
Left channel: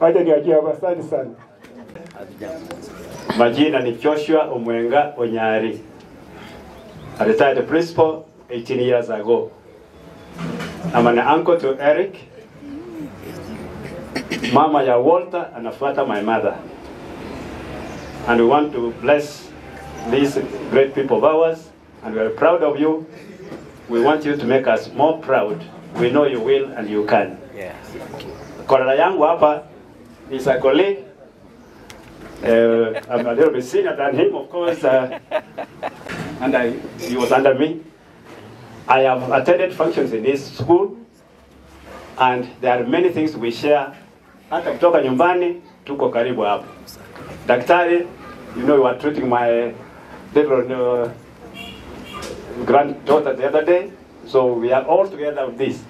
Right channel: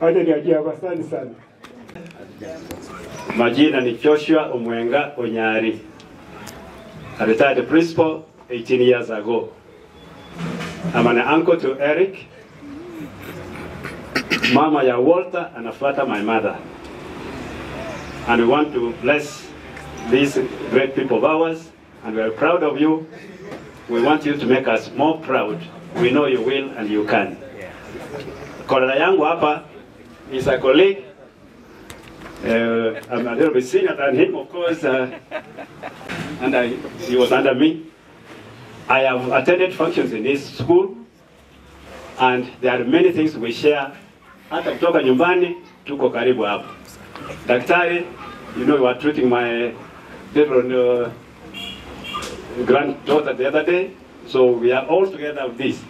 Wacha niachie hapa, asante sana. Majina ni Joshua Omwenga Onyari. I retired principal 18 years ago. I'm an uncle to Eric. Mama ya Walter anafuata my mother. And we want to bless these great people of ours, and we are proud of you. We want you to make us more proud. We know you will and you can. Kola yangu hapa is a colleague. I'm a little bit senior than him, of course, and he was under me. I have attended functions in this school, and there are many things we share. Hata kutoka nyumbani, tuko karibu hapo. Daktari, you know, you were treating my little granddaughter the other day, so we are all together with this.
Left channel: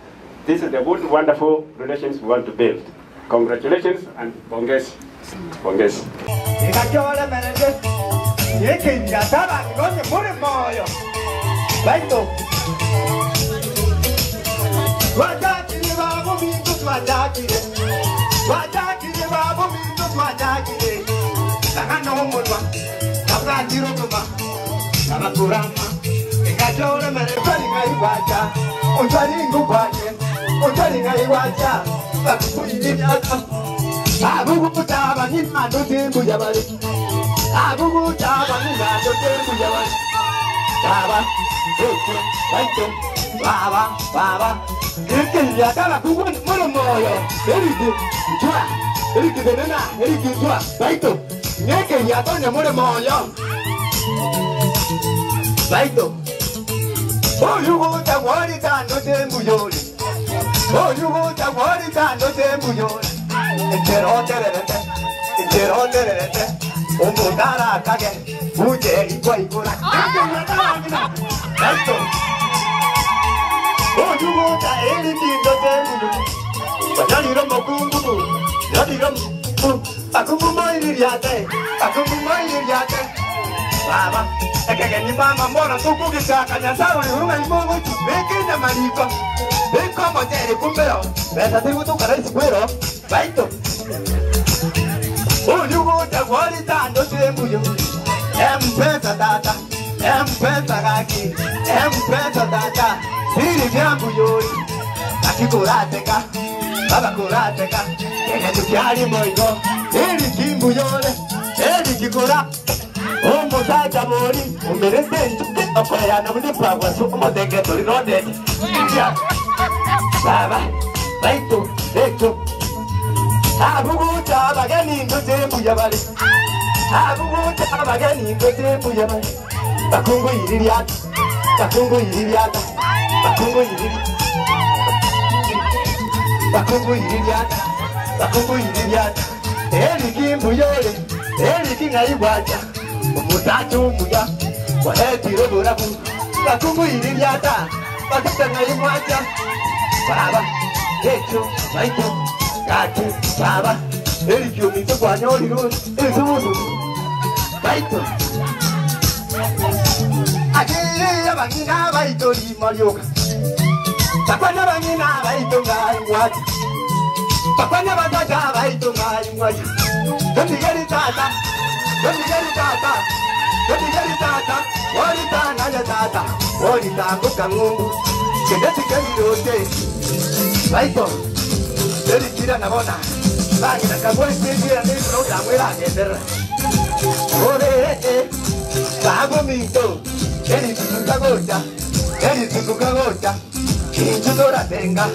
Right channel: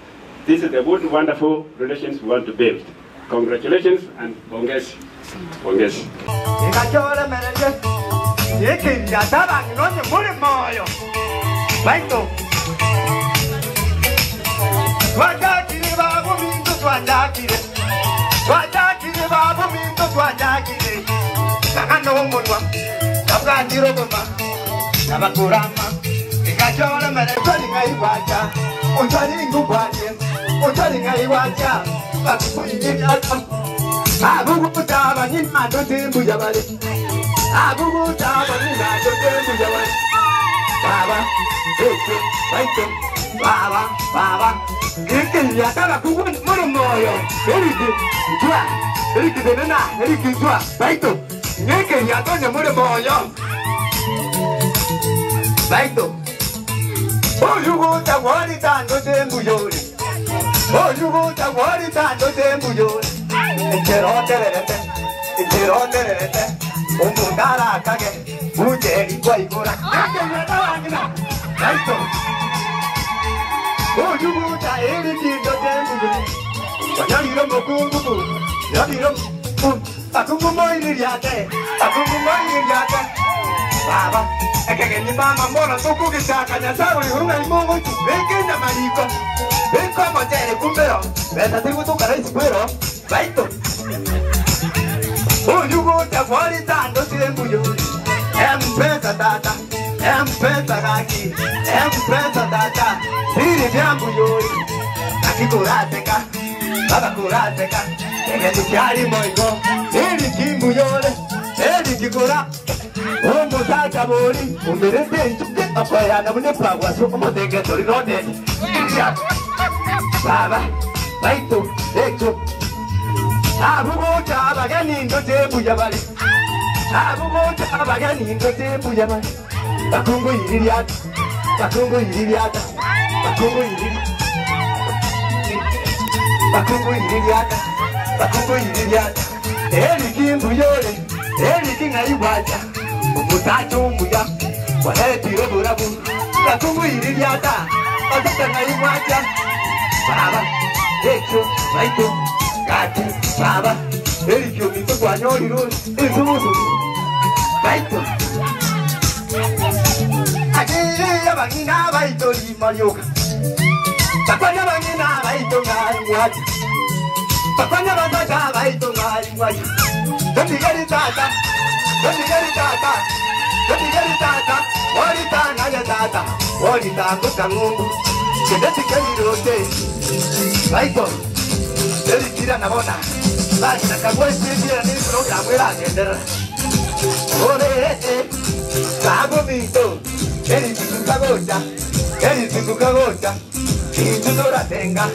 This is the good, wonderful relations we want to build. Congratulations and bongesi. Bongesi. Nike ya tonya mure moyo. Baito. Oh you go ta wari tando tembu yori. Oh you go ta wari tando tembu yori. Entero tererete. Omundara kage. Muje ikwa ikora. Nike ya tonya. Baito. Oh you go ta eri tindo tembu yori. Yaniro makungu. Yaniro Akumu moiriate. Baba, ekeke ni mama mbona tukukisaka nyasaru ni huruma imungu Wekenda mariko Weko mojere kumbero Besa tigu tukara isikwero Baito Uyugu tegwari tando tembuyo Mpesa tata Mpesa kaki Mpesa tata Hiri jambu yori Kaki kurateka Baba kurateka Eke tukiari moigo Hiri kimbu yore Hiri kikura Ombo saka bori Umerete nchuke Akwaya na mune pragwa Suko motenge tori rode Baba Baito Eko Aguguta abageni ndo tembu yabari Aguguta abageni ndo tembu yabari Bakungu yiririata Bakungu yiririata Bakungu yiririata Bakungu yiririata Bakungu yiririata Eli kimbu yore Eli kinga iwaja Umutatu umuya Waheti robo rabu Bakungu yiririata Watapena iwaja Baba Eko Baito Kati Baba Eli kiumito kwa nyori ruri Izuzu Baito Ajiya bangina baito li marioka Pakwanya bangina baito ngai wati Pakwanya bangina baito ngai wati Dondigeri tata Warita naya tata Warita kuka ngungu Kedeti keli rote Baito Eli kira nabona Basta kagwe sisi ni programu ila gendera Ore Kago mito Eli tukuka gocha Kintu dora tenga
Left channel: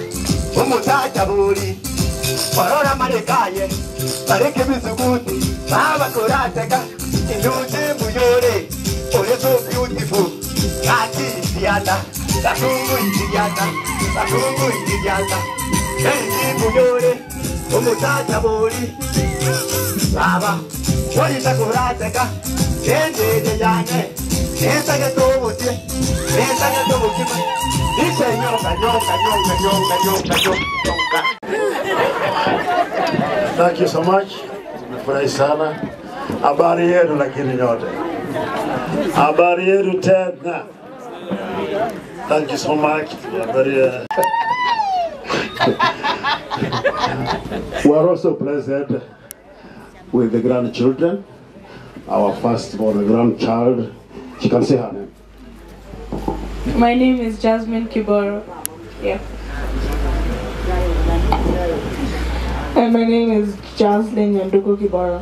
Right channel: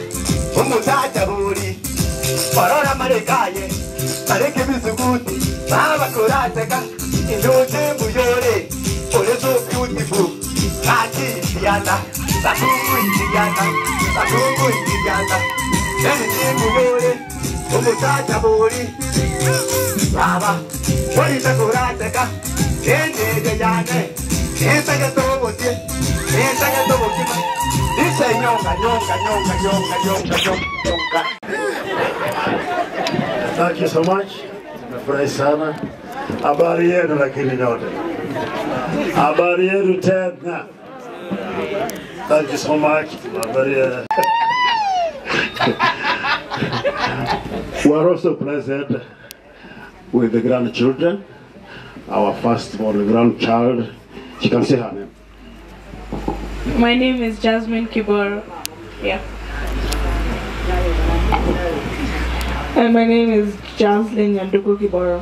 Umutacha buri Corona marekaye Mareke bisukuti Baba kurateka Indute mbuyore Ole so beautiful Kati iyata Sakungu iyata Eli mbuyore Umutacha buri Baba Warita kurateka Ende yane Enta que tomo tie Dice nyonga Thank you so much. Nimefurahi sana. Habari yenu lakini nyote. Habari yenu tena. Thank you so much. Habari yenu. We are also pleased with the grandchildren. Our firstborn grandchild. She can say her name. My name is Jasmine Kiboro. Yeah. And my name is Jocelyn Yanduku Kiboro.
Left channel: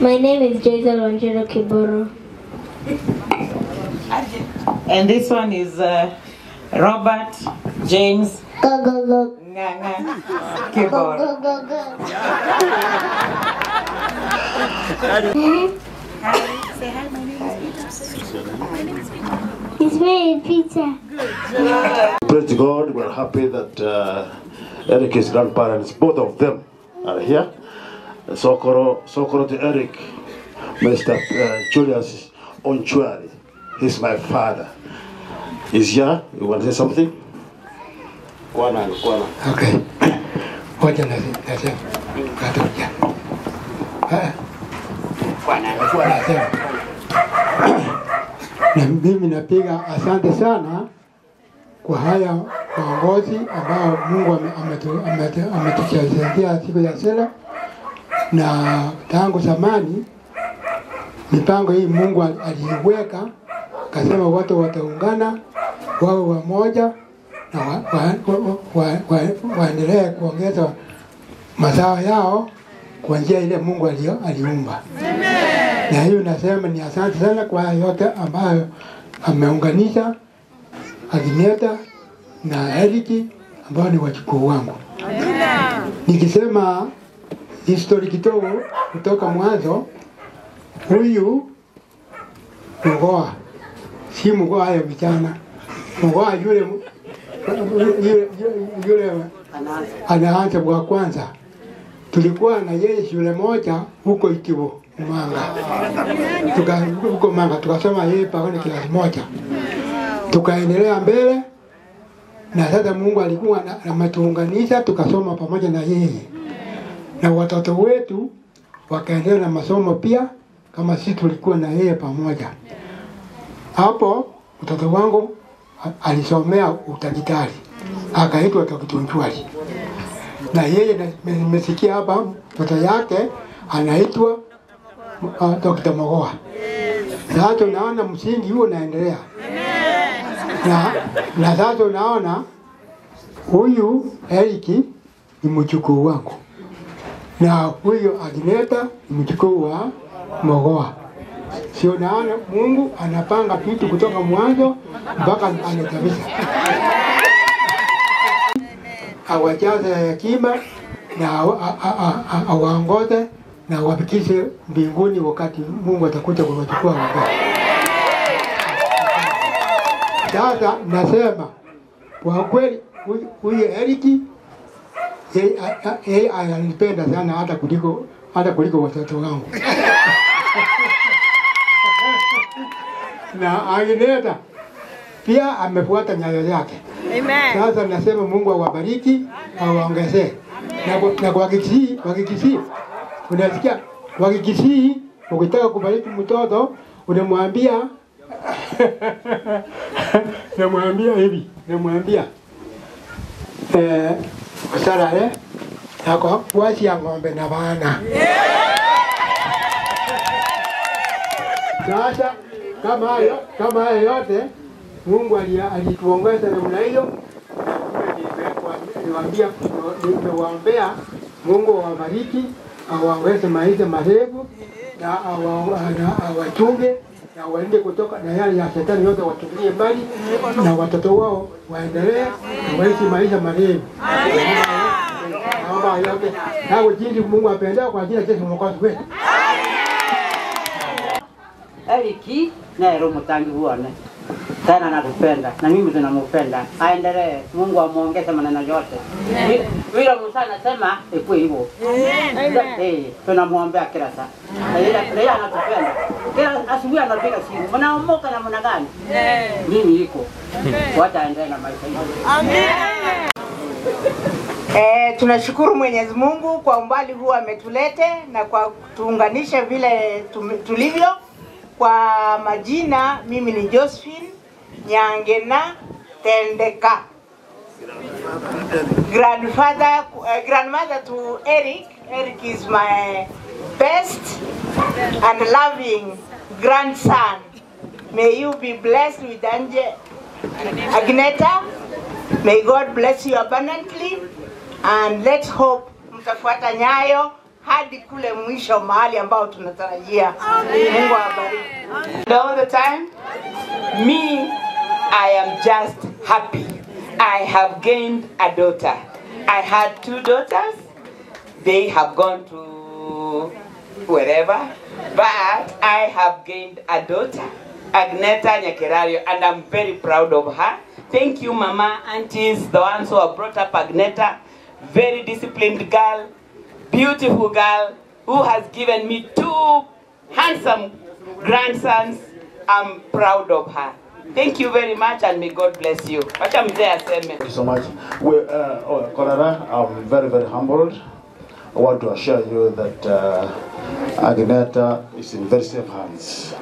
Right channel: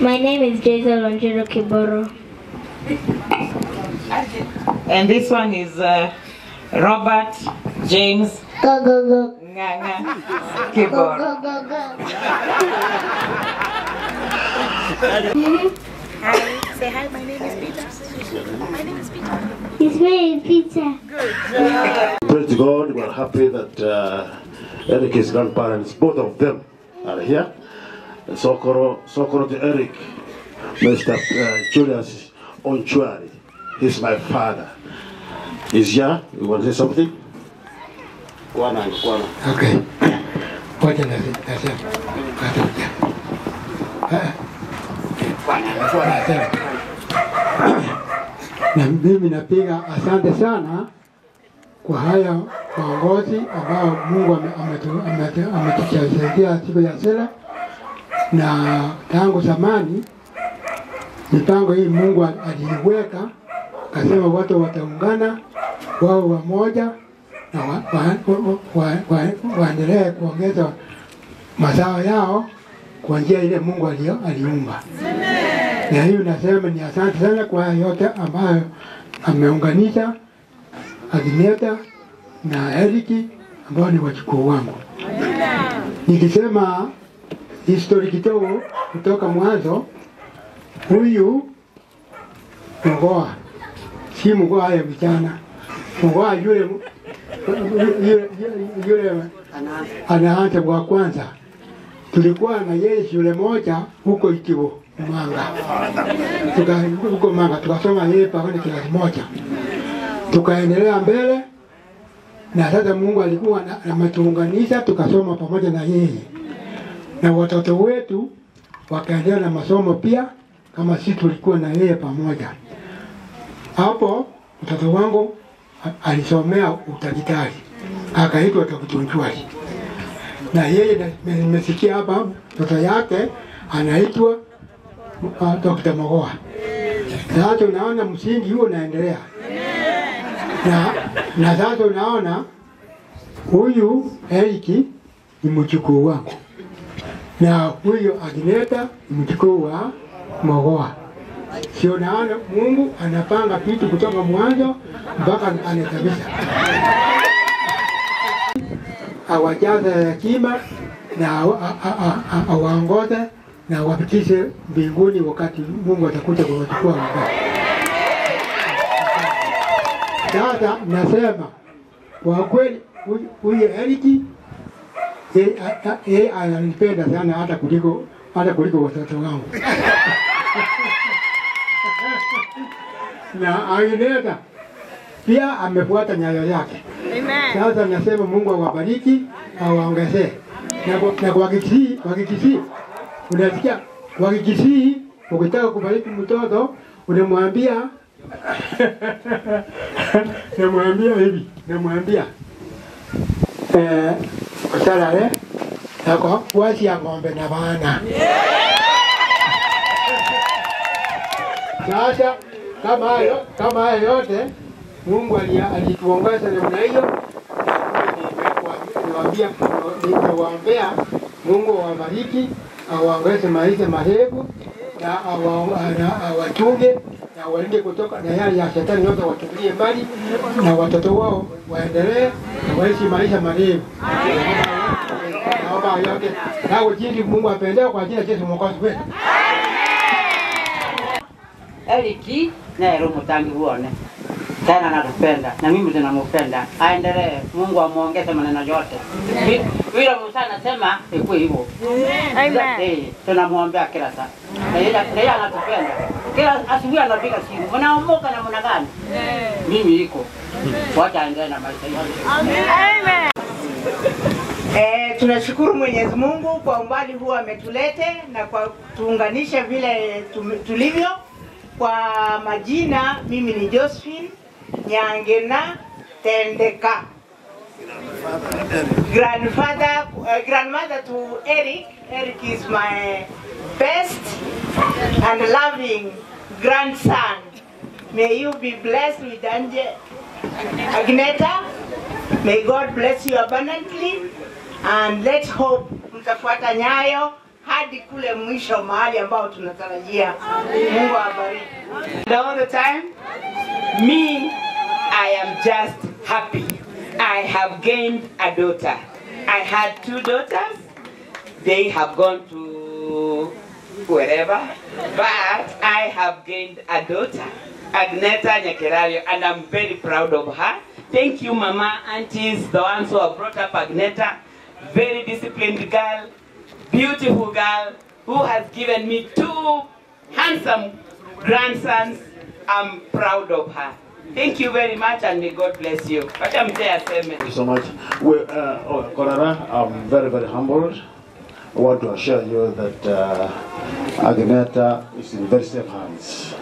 My name is Jason Angelo Kiboro. And this one is Robert James Kiboro. Hi, say hi, my name is Peter. My name is Peter. His name is Peter. Good. Praise God, we're happy that Eric's grandparents, both of them, are here. And Sokoro to Eric, Mr. Julius Onchwari. He's my father. He's here. You want to say something? Okay. Ngoja nasema katoja. Nasema. Na mimi napiga asante sana kwa haya maongozi ambao Mungu ametuchezea siku ya sela, na tangu zamani mipango hii Mungu aliweka, kasema watu wataungana wao wamoja na waendelee kuongeza mazao yao kwa njia ile Mungu aliumba. Na hiyo nasema ni asante sana kwa yote ambayo ameunganisha Agneta na Eriki ambao ni wachukuu wangu. Nikisema History kidogo kutoka mwanzo. Huyu Mgoa, si Mgoa ya vijana. Mgoa yule anaanza wa kwanza. Tulikuwa na yeye shule moja huko Itibo, Manga. Huko Manga tukasoma yeye pamoja kilasi moja. Tukaendelea mbele na sasa Mungu alikuwa ametuunganisha tukasoma pamoja na yeye. Na watoto wetu wakaendelea na masomo pia kama sisi tulikuwa na yeye pamoja. Hapo mtoto wangu alisomea udaktari. Akaitwa Dr. Nchwali. Na yeye nimesikia hapa mtoto yake anaitwa Dr. Mogoa. Sasa tunaona msingi huo unaendelea. Na sasa unaona huyu Eric ni mjukuu wangu. Na huyu Agneta ni mjukuu wa Mogoa. Sio naona Mungu anapanga vitu kutoka mwanzo mpaka anakamilisha. Awajaze hekima na awaongoze na wafikishe mbinguni wakati Mungu atakuja kuwachukua wakati. Sasa nasema kwa kweli huyu Eric yeye ananipenda sana hata kuliko watoto wangu. Na Agneta pia amefuata nyayo yake. Sasa nasema Mungu awabariki, awaongezee. Na kwa Kikisii, unasikia kwa Kikisii ukitaka kubariki mtoto unamwambia namwambia salale yako washi ya ng'ombe na bana. Sasa kama hayo yote Mungu alituongoza namna hiyo. Niwaombea Mungu awabariki, awaongeze maisha marefu na awachunge na walinde kutoka na yale ya shetani yote, watupilie mbali na watoto wao waendelee na waishi maisha marefu. Naomba yote hao jinsi Mungu apendao kwa ajili ya Yesu Mwokozi wetu. Eric na roho mtangi uone. Tena natupenda na mimi tunampenda. Aendelee, Mungu amuongeze maneno yote. Vile Musa anasema ikuwe hivyo. Amen. Tunamwombea kila saa. Na yeye anatupenda. Kila asubuhi anapiga simu. Mnaomoka na mna gani? Mimi iko. Wacha aendelee na maisha yake. Amen. Tunashukuru Mwenyezi Mungu kwa umbali huu ametulete na kwa tuunganisha vile tulivyo. Kwa majina mimi ni Josephine Nyangena Tendeka, grandmother to Eric. Eric is my best and loving grandson. May you be blessed with Agneta. May God bless you abundantly, and let's hope mtafuata nyayo hadi kule mwisho mahali ambao tunatarajia. Mungu awabariki. All the time, me, I am just happy. I have gained a daughter. I had 2 daughters. They have gone to wherever, but I have gained a daughter, Agneta Nyakerario, and I'm very proud of her. Thank you, Mama, aunties, the ones who have brought up Agneta. Very disciplined girl, beautiful girl, who has given me 2 handsome grandsons. I'm proud of her. Thank you very much, and may God bless you. Thank you so much. Korara, I'm very, very humbled. I want to assure you that Agneta is in very safe hands.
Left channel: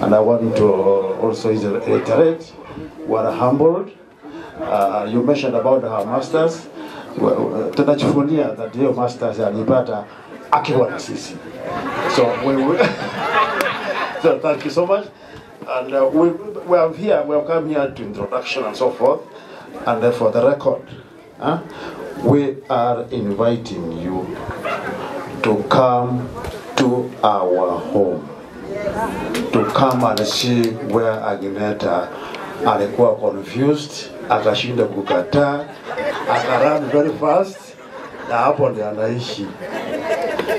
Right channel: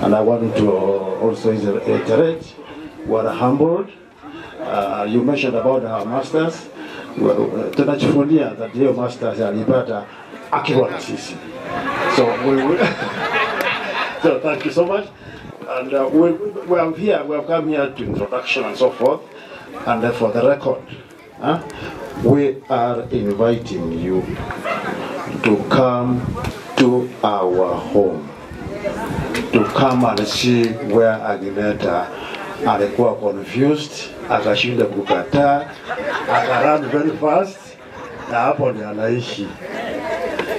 And I want to also reiterate, we're humbled. You mentioned about our masters. Tunajivunia that your masters alipata akiwa na sisi. So thank you so much. And we have come here to introduction and so forth. And then for the record, we are inviting you to come to our home, to come and see where Agneta alikuwa confused, akashinda kukataa, akarun very fast, na hapo ndio anaishi.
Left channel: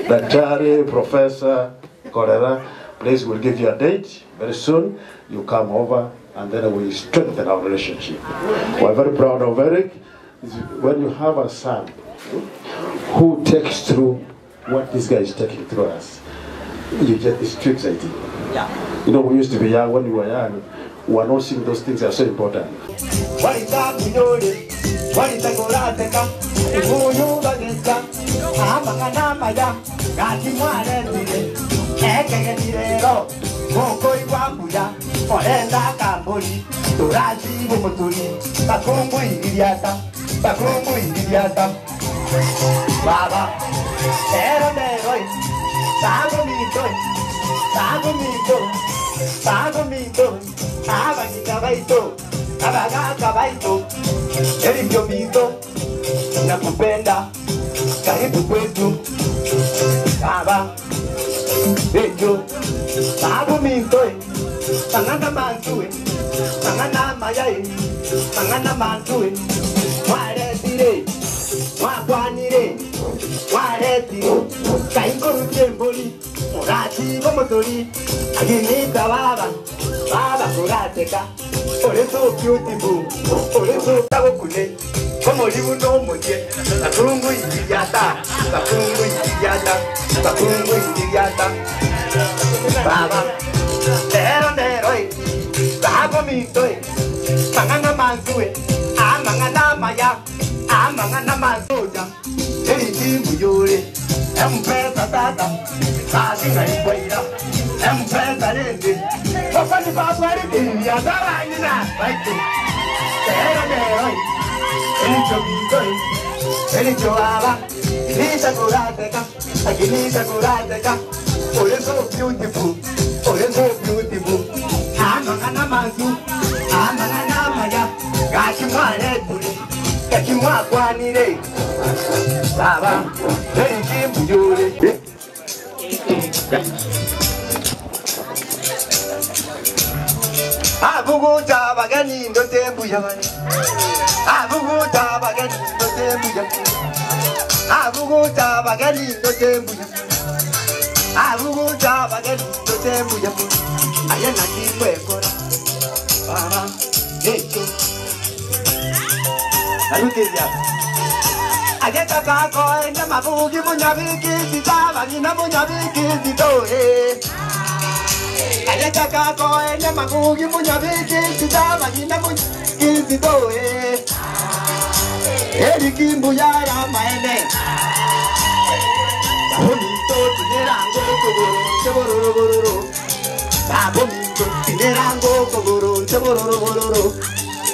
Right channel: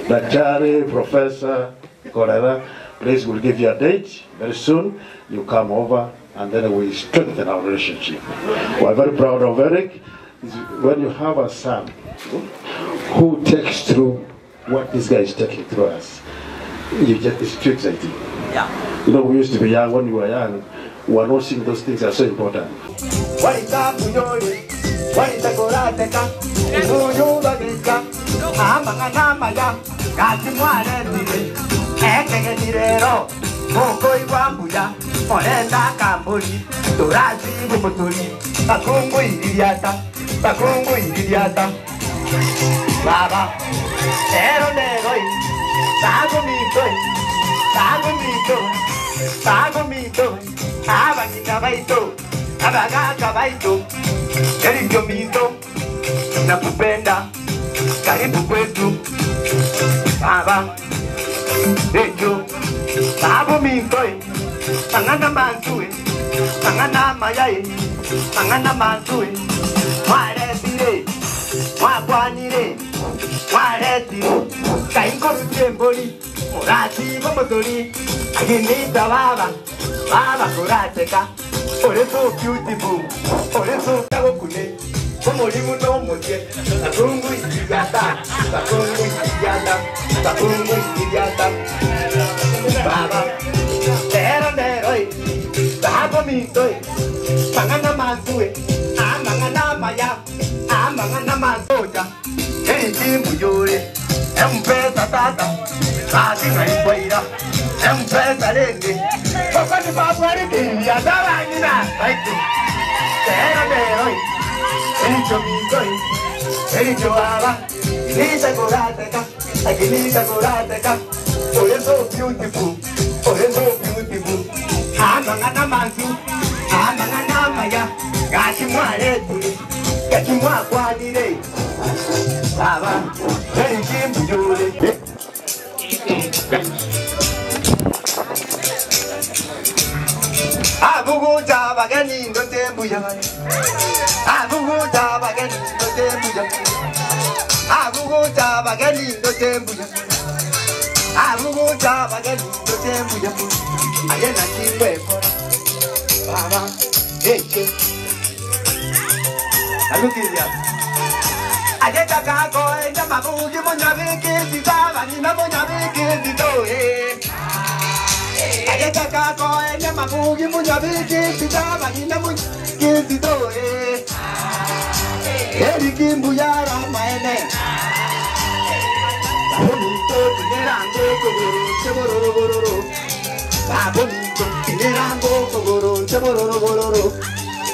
Daktari, Professor Korera, please, we'll give you a date very soon. You come over and then we strengthen our relationship. We're very proud of Eric. When you have a son who takes through what this guy is taking through us, you get this too excited. Yeah. You know, we used to be young. When we were young, we were not seeing those things are so important. Baba, ero negoi, sago mito, abagi kabaito, abaga kabaito, erivyo mito, nakupenda, karibu kwetu, baba, ejo, sago mito, mangana mantue, mangana mayai, mangana mantue, mare sire. Wakwanire, wareti, kaingo mtemboli, orati gomotori, aginita baba kurateka, ore so beautiful, ore so tabokune, como libu no moje, takungu idiata, baba, eroi, sago mitoi, mangana mantue, mangana maya. Mangana mazoja, eri mujore, empesa tata, kati ngaipoira, empesa lenge, papa ni papa ni ya dara ina, baitu, tera neroi, eri chomikoi, eri choaba, nisa korateka, aginisa korateka, ore so beautiful, mangana manzu, mangana maya, kati mwareti. Kachimwa kwanire baba eri mujore abugu tabagani ndote mbuya abugu tabagani ndote mbuya abugu tabagani ndote mbuya abugu tabagani ndote mbuya ayena kimwe baba echo Alukiria. Ajeta kako enda mabugi munyabiki sitaba ni munyabiki sitoe. Ajeta kako enda mabugi munyabiki sitaba ni munyabiki sitoe. Eriki mbuyara maene. Bonito tinerango kogoro bonito tinerango kogoro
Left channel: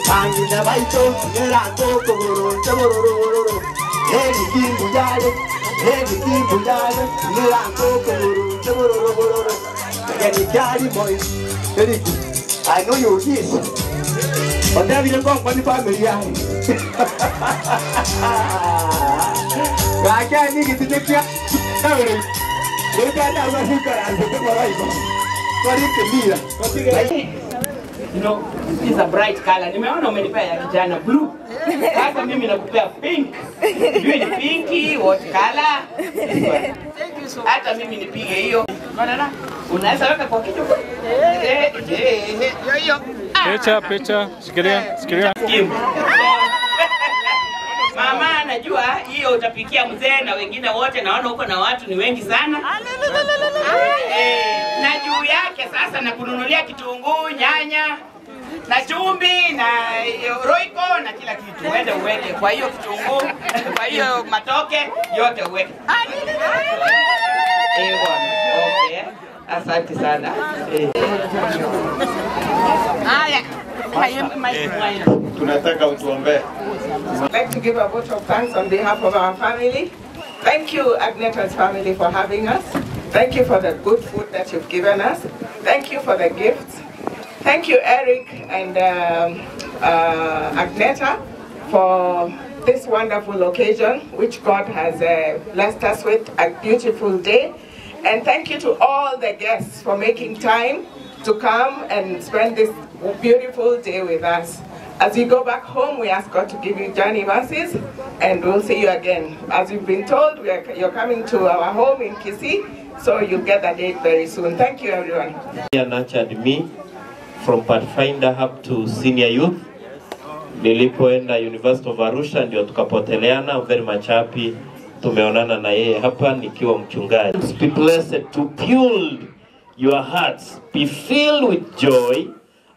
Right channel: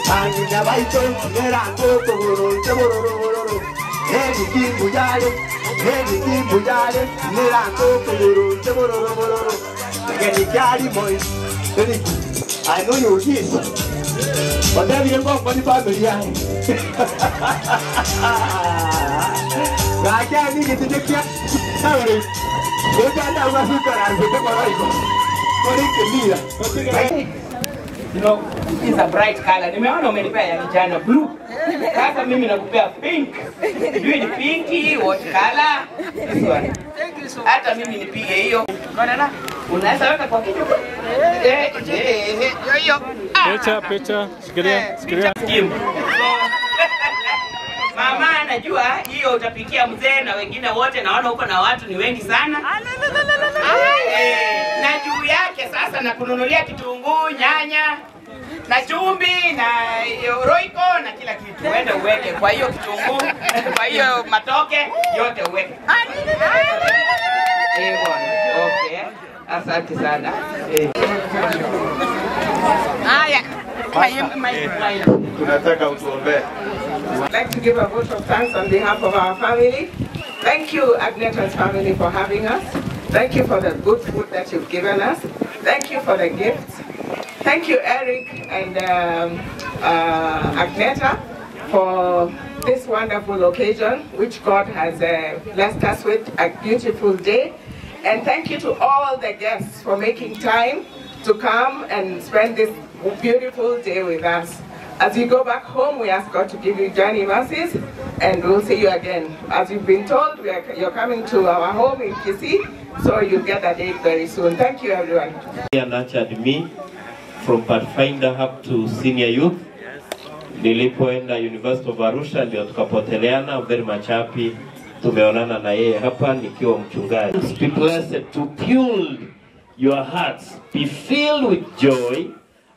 Angina baito, nerango kogoro, chabororo. Eri kimbuyayo, nerango kogoro, chabororo. Eri kari boy, eri. I know you hit, but then you go for the family. I can't get to the cat. Sorry, we got that one who can You know, this is a bright color. Nimeona umenipea ya kijana blue. Sasa mimi nakupea pink. Sijui ni pinki, what color? Thank you so much. Hata mimi nipige hiyo. Unaona? Unaweza weka kwa kichwa. Hiyo. Picha. Shikilia. Mama, najua hiyo utapikia mzee na wengine wote, naona huko na watu ni wengi sana. Na juu yake sasa na kununulia kitunguu, nyanya, na chumvi, na roiko na kila kitu. Uende uweke kwa hiyo kitunguu, kwa hiyo matoke, yote uweke. Okay. Asante sana. Haya. Tunataka utuombee. I'd like to give a vote of thanks on behalf of our family. Thank you, Agneta's family, for having us. Thank you for the good food that you've given us. Thank you for the gifts. Thank you, Eric and Agneta, for this wonderful occasion, which God has blessed us with, a beautiful day. And thank you to all the guests for making time to come and spend this beautiful day with us. As you go back home, we ask God to give you journey mercies, and we'll see you again. As you've been told, you're coming to our home in Kisii, so you'll get that day very soon. Thank you, everyone. He nurtured me from Pathfinder up to senior youth. Nilipoenda University of Arusha ndio tukapoteleana. I'm very much happy tumeonana na yeye hapa nikiwa mchungaji. Be blessed to fuel your hearts, be filled with joy,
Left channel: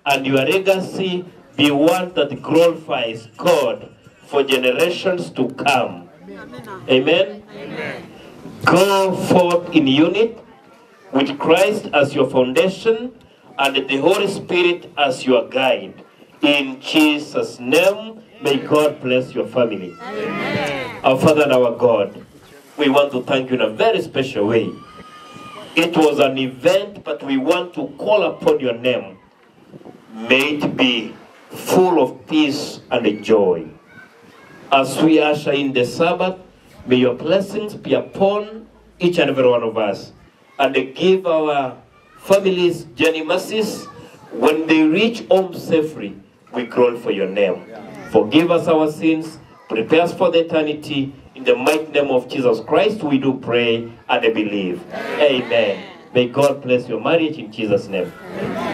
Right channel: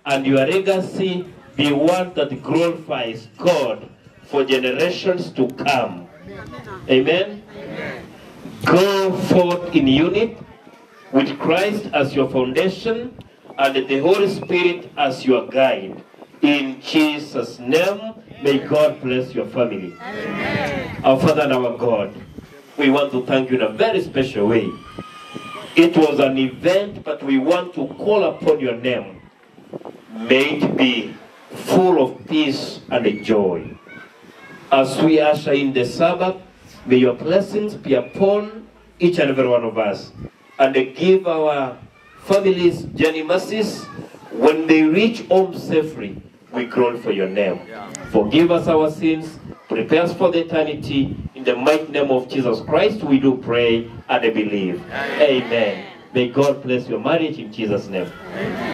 and your legacy be one that glorifies God for generations to come. Amen. Go forth in unity with Christ as your foundation and the Holy Spirit as your guide. In Jesus' name, may God bless your family. Amen. Our Father and our God, we want to thank you in a very special way. It was an event, but we want to call upon your name. May it be full of peace and joy. As we usher in the Sabbath, may your blessings be upon each and every one of us. And give our families journey mercies. When they reach home safely, we groan for your name. Forgive us our sins. Prepare us for the eternity. In the mighty name of Jesus Christ, we do pray and believe. Amen. May God bless your marriage in Jesus' name.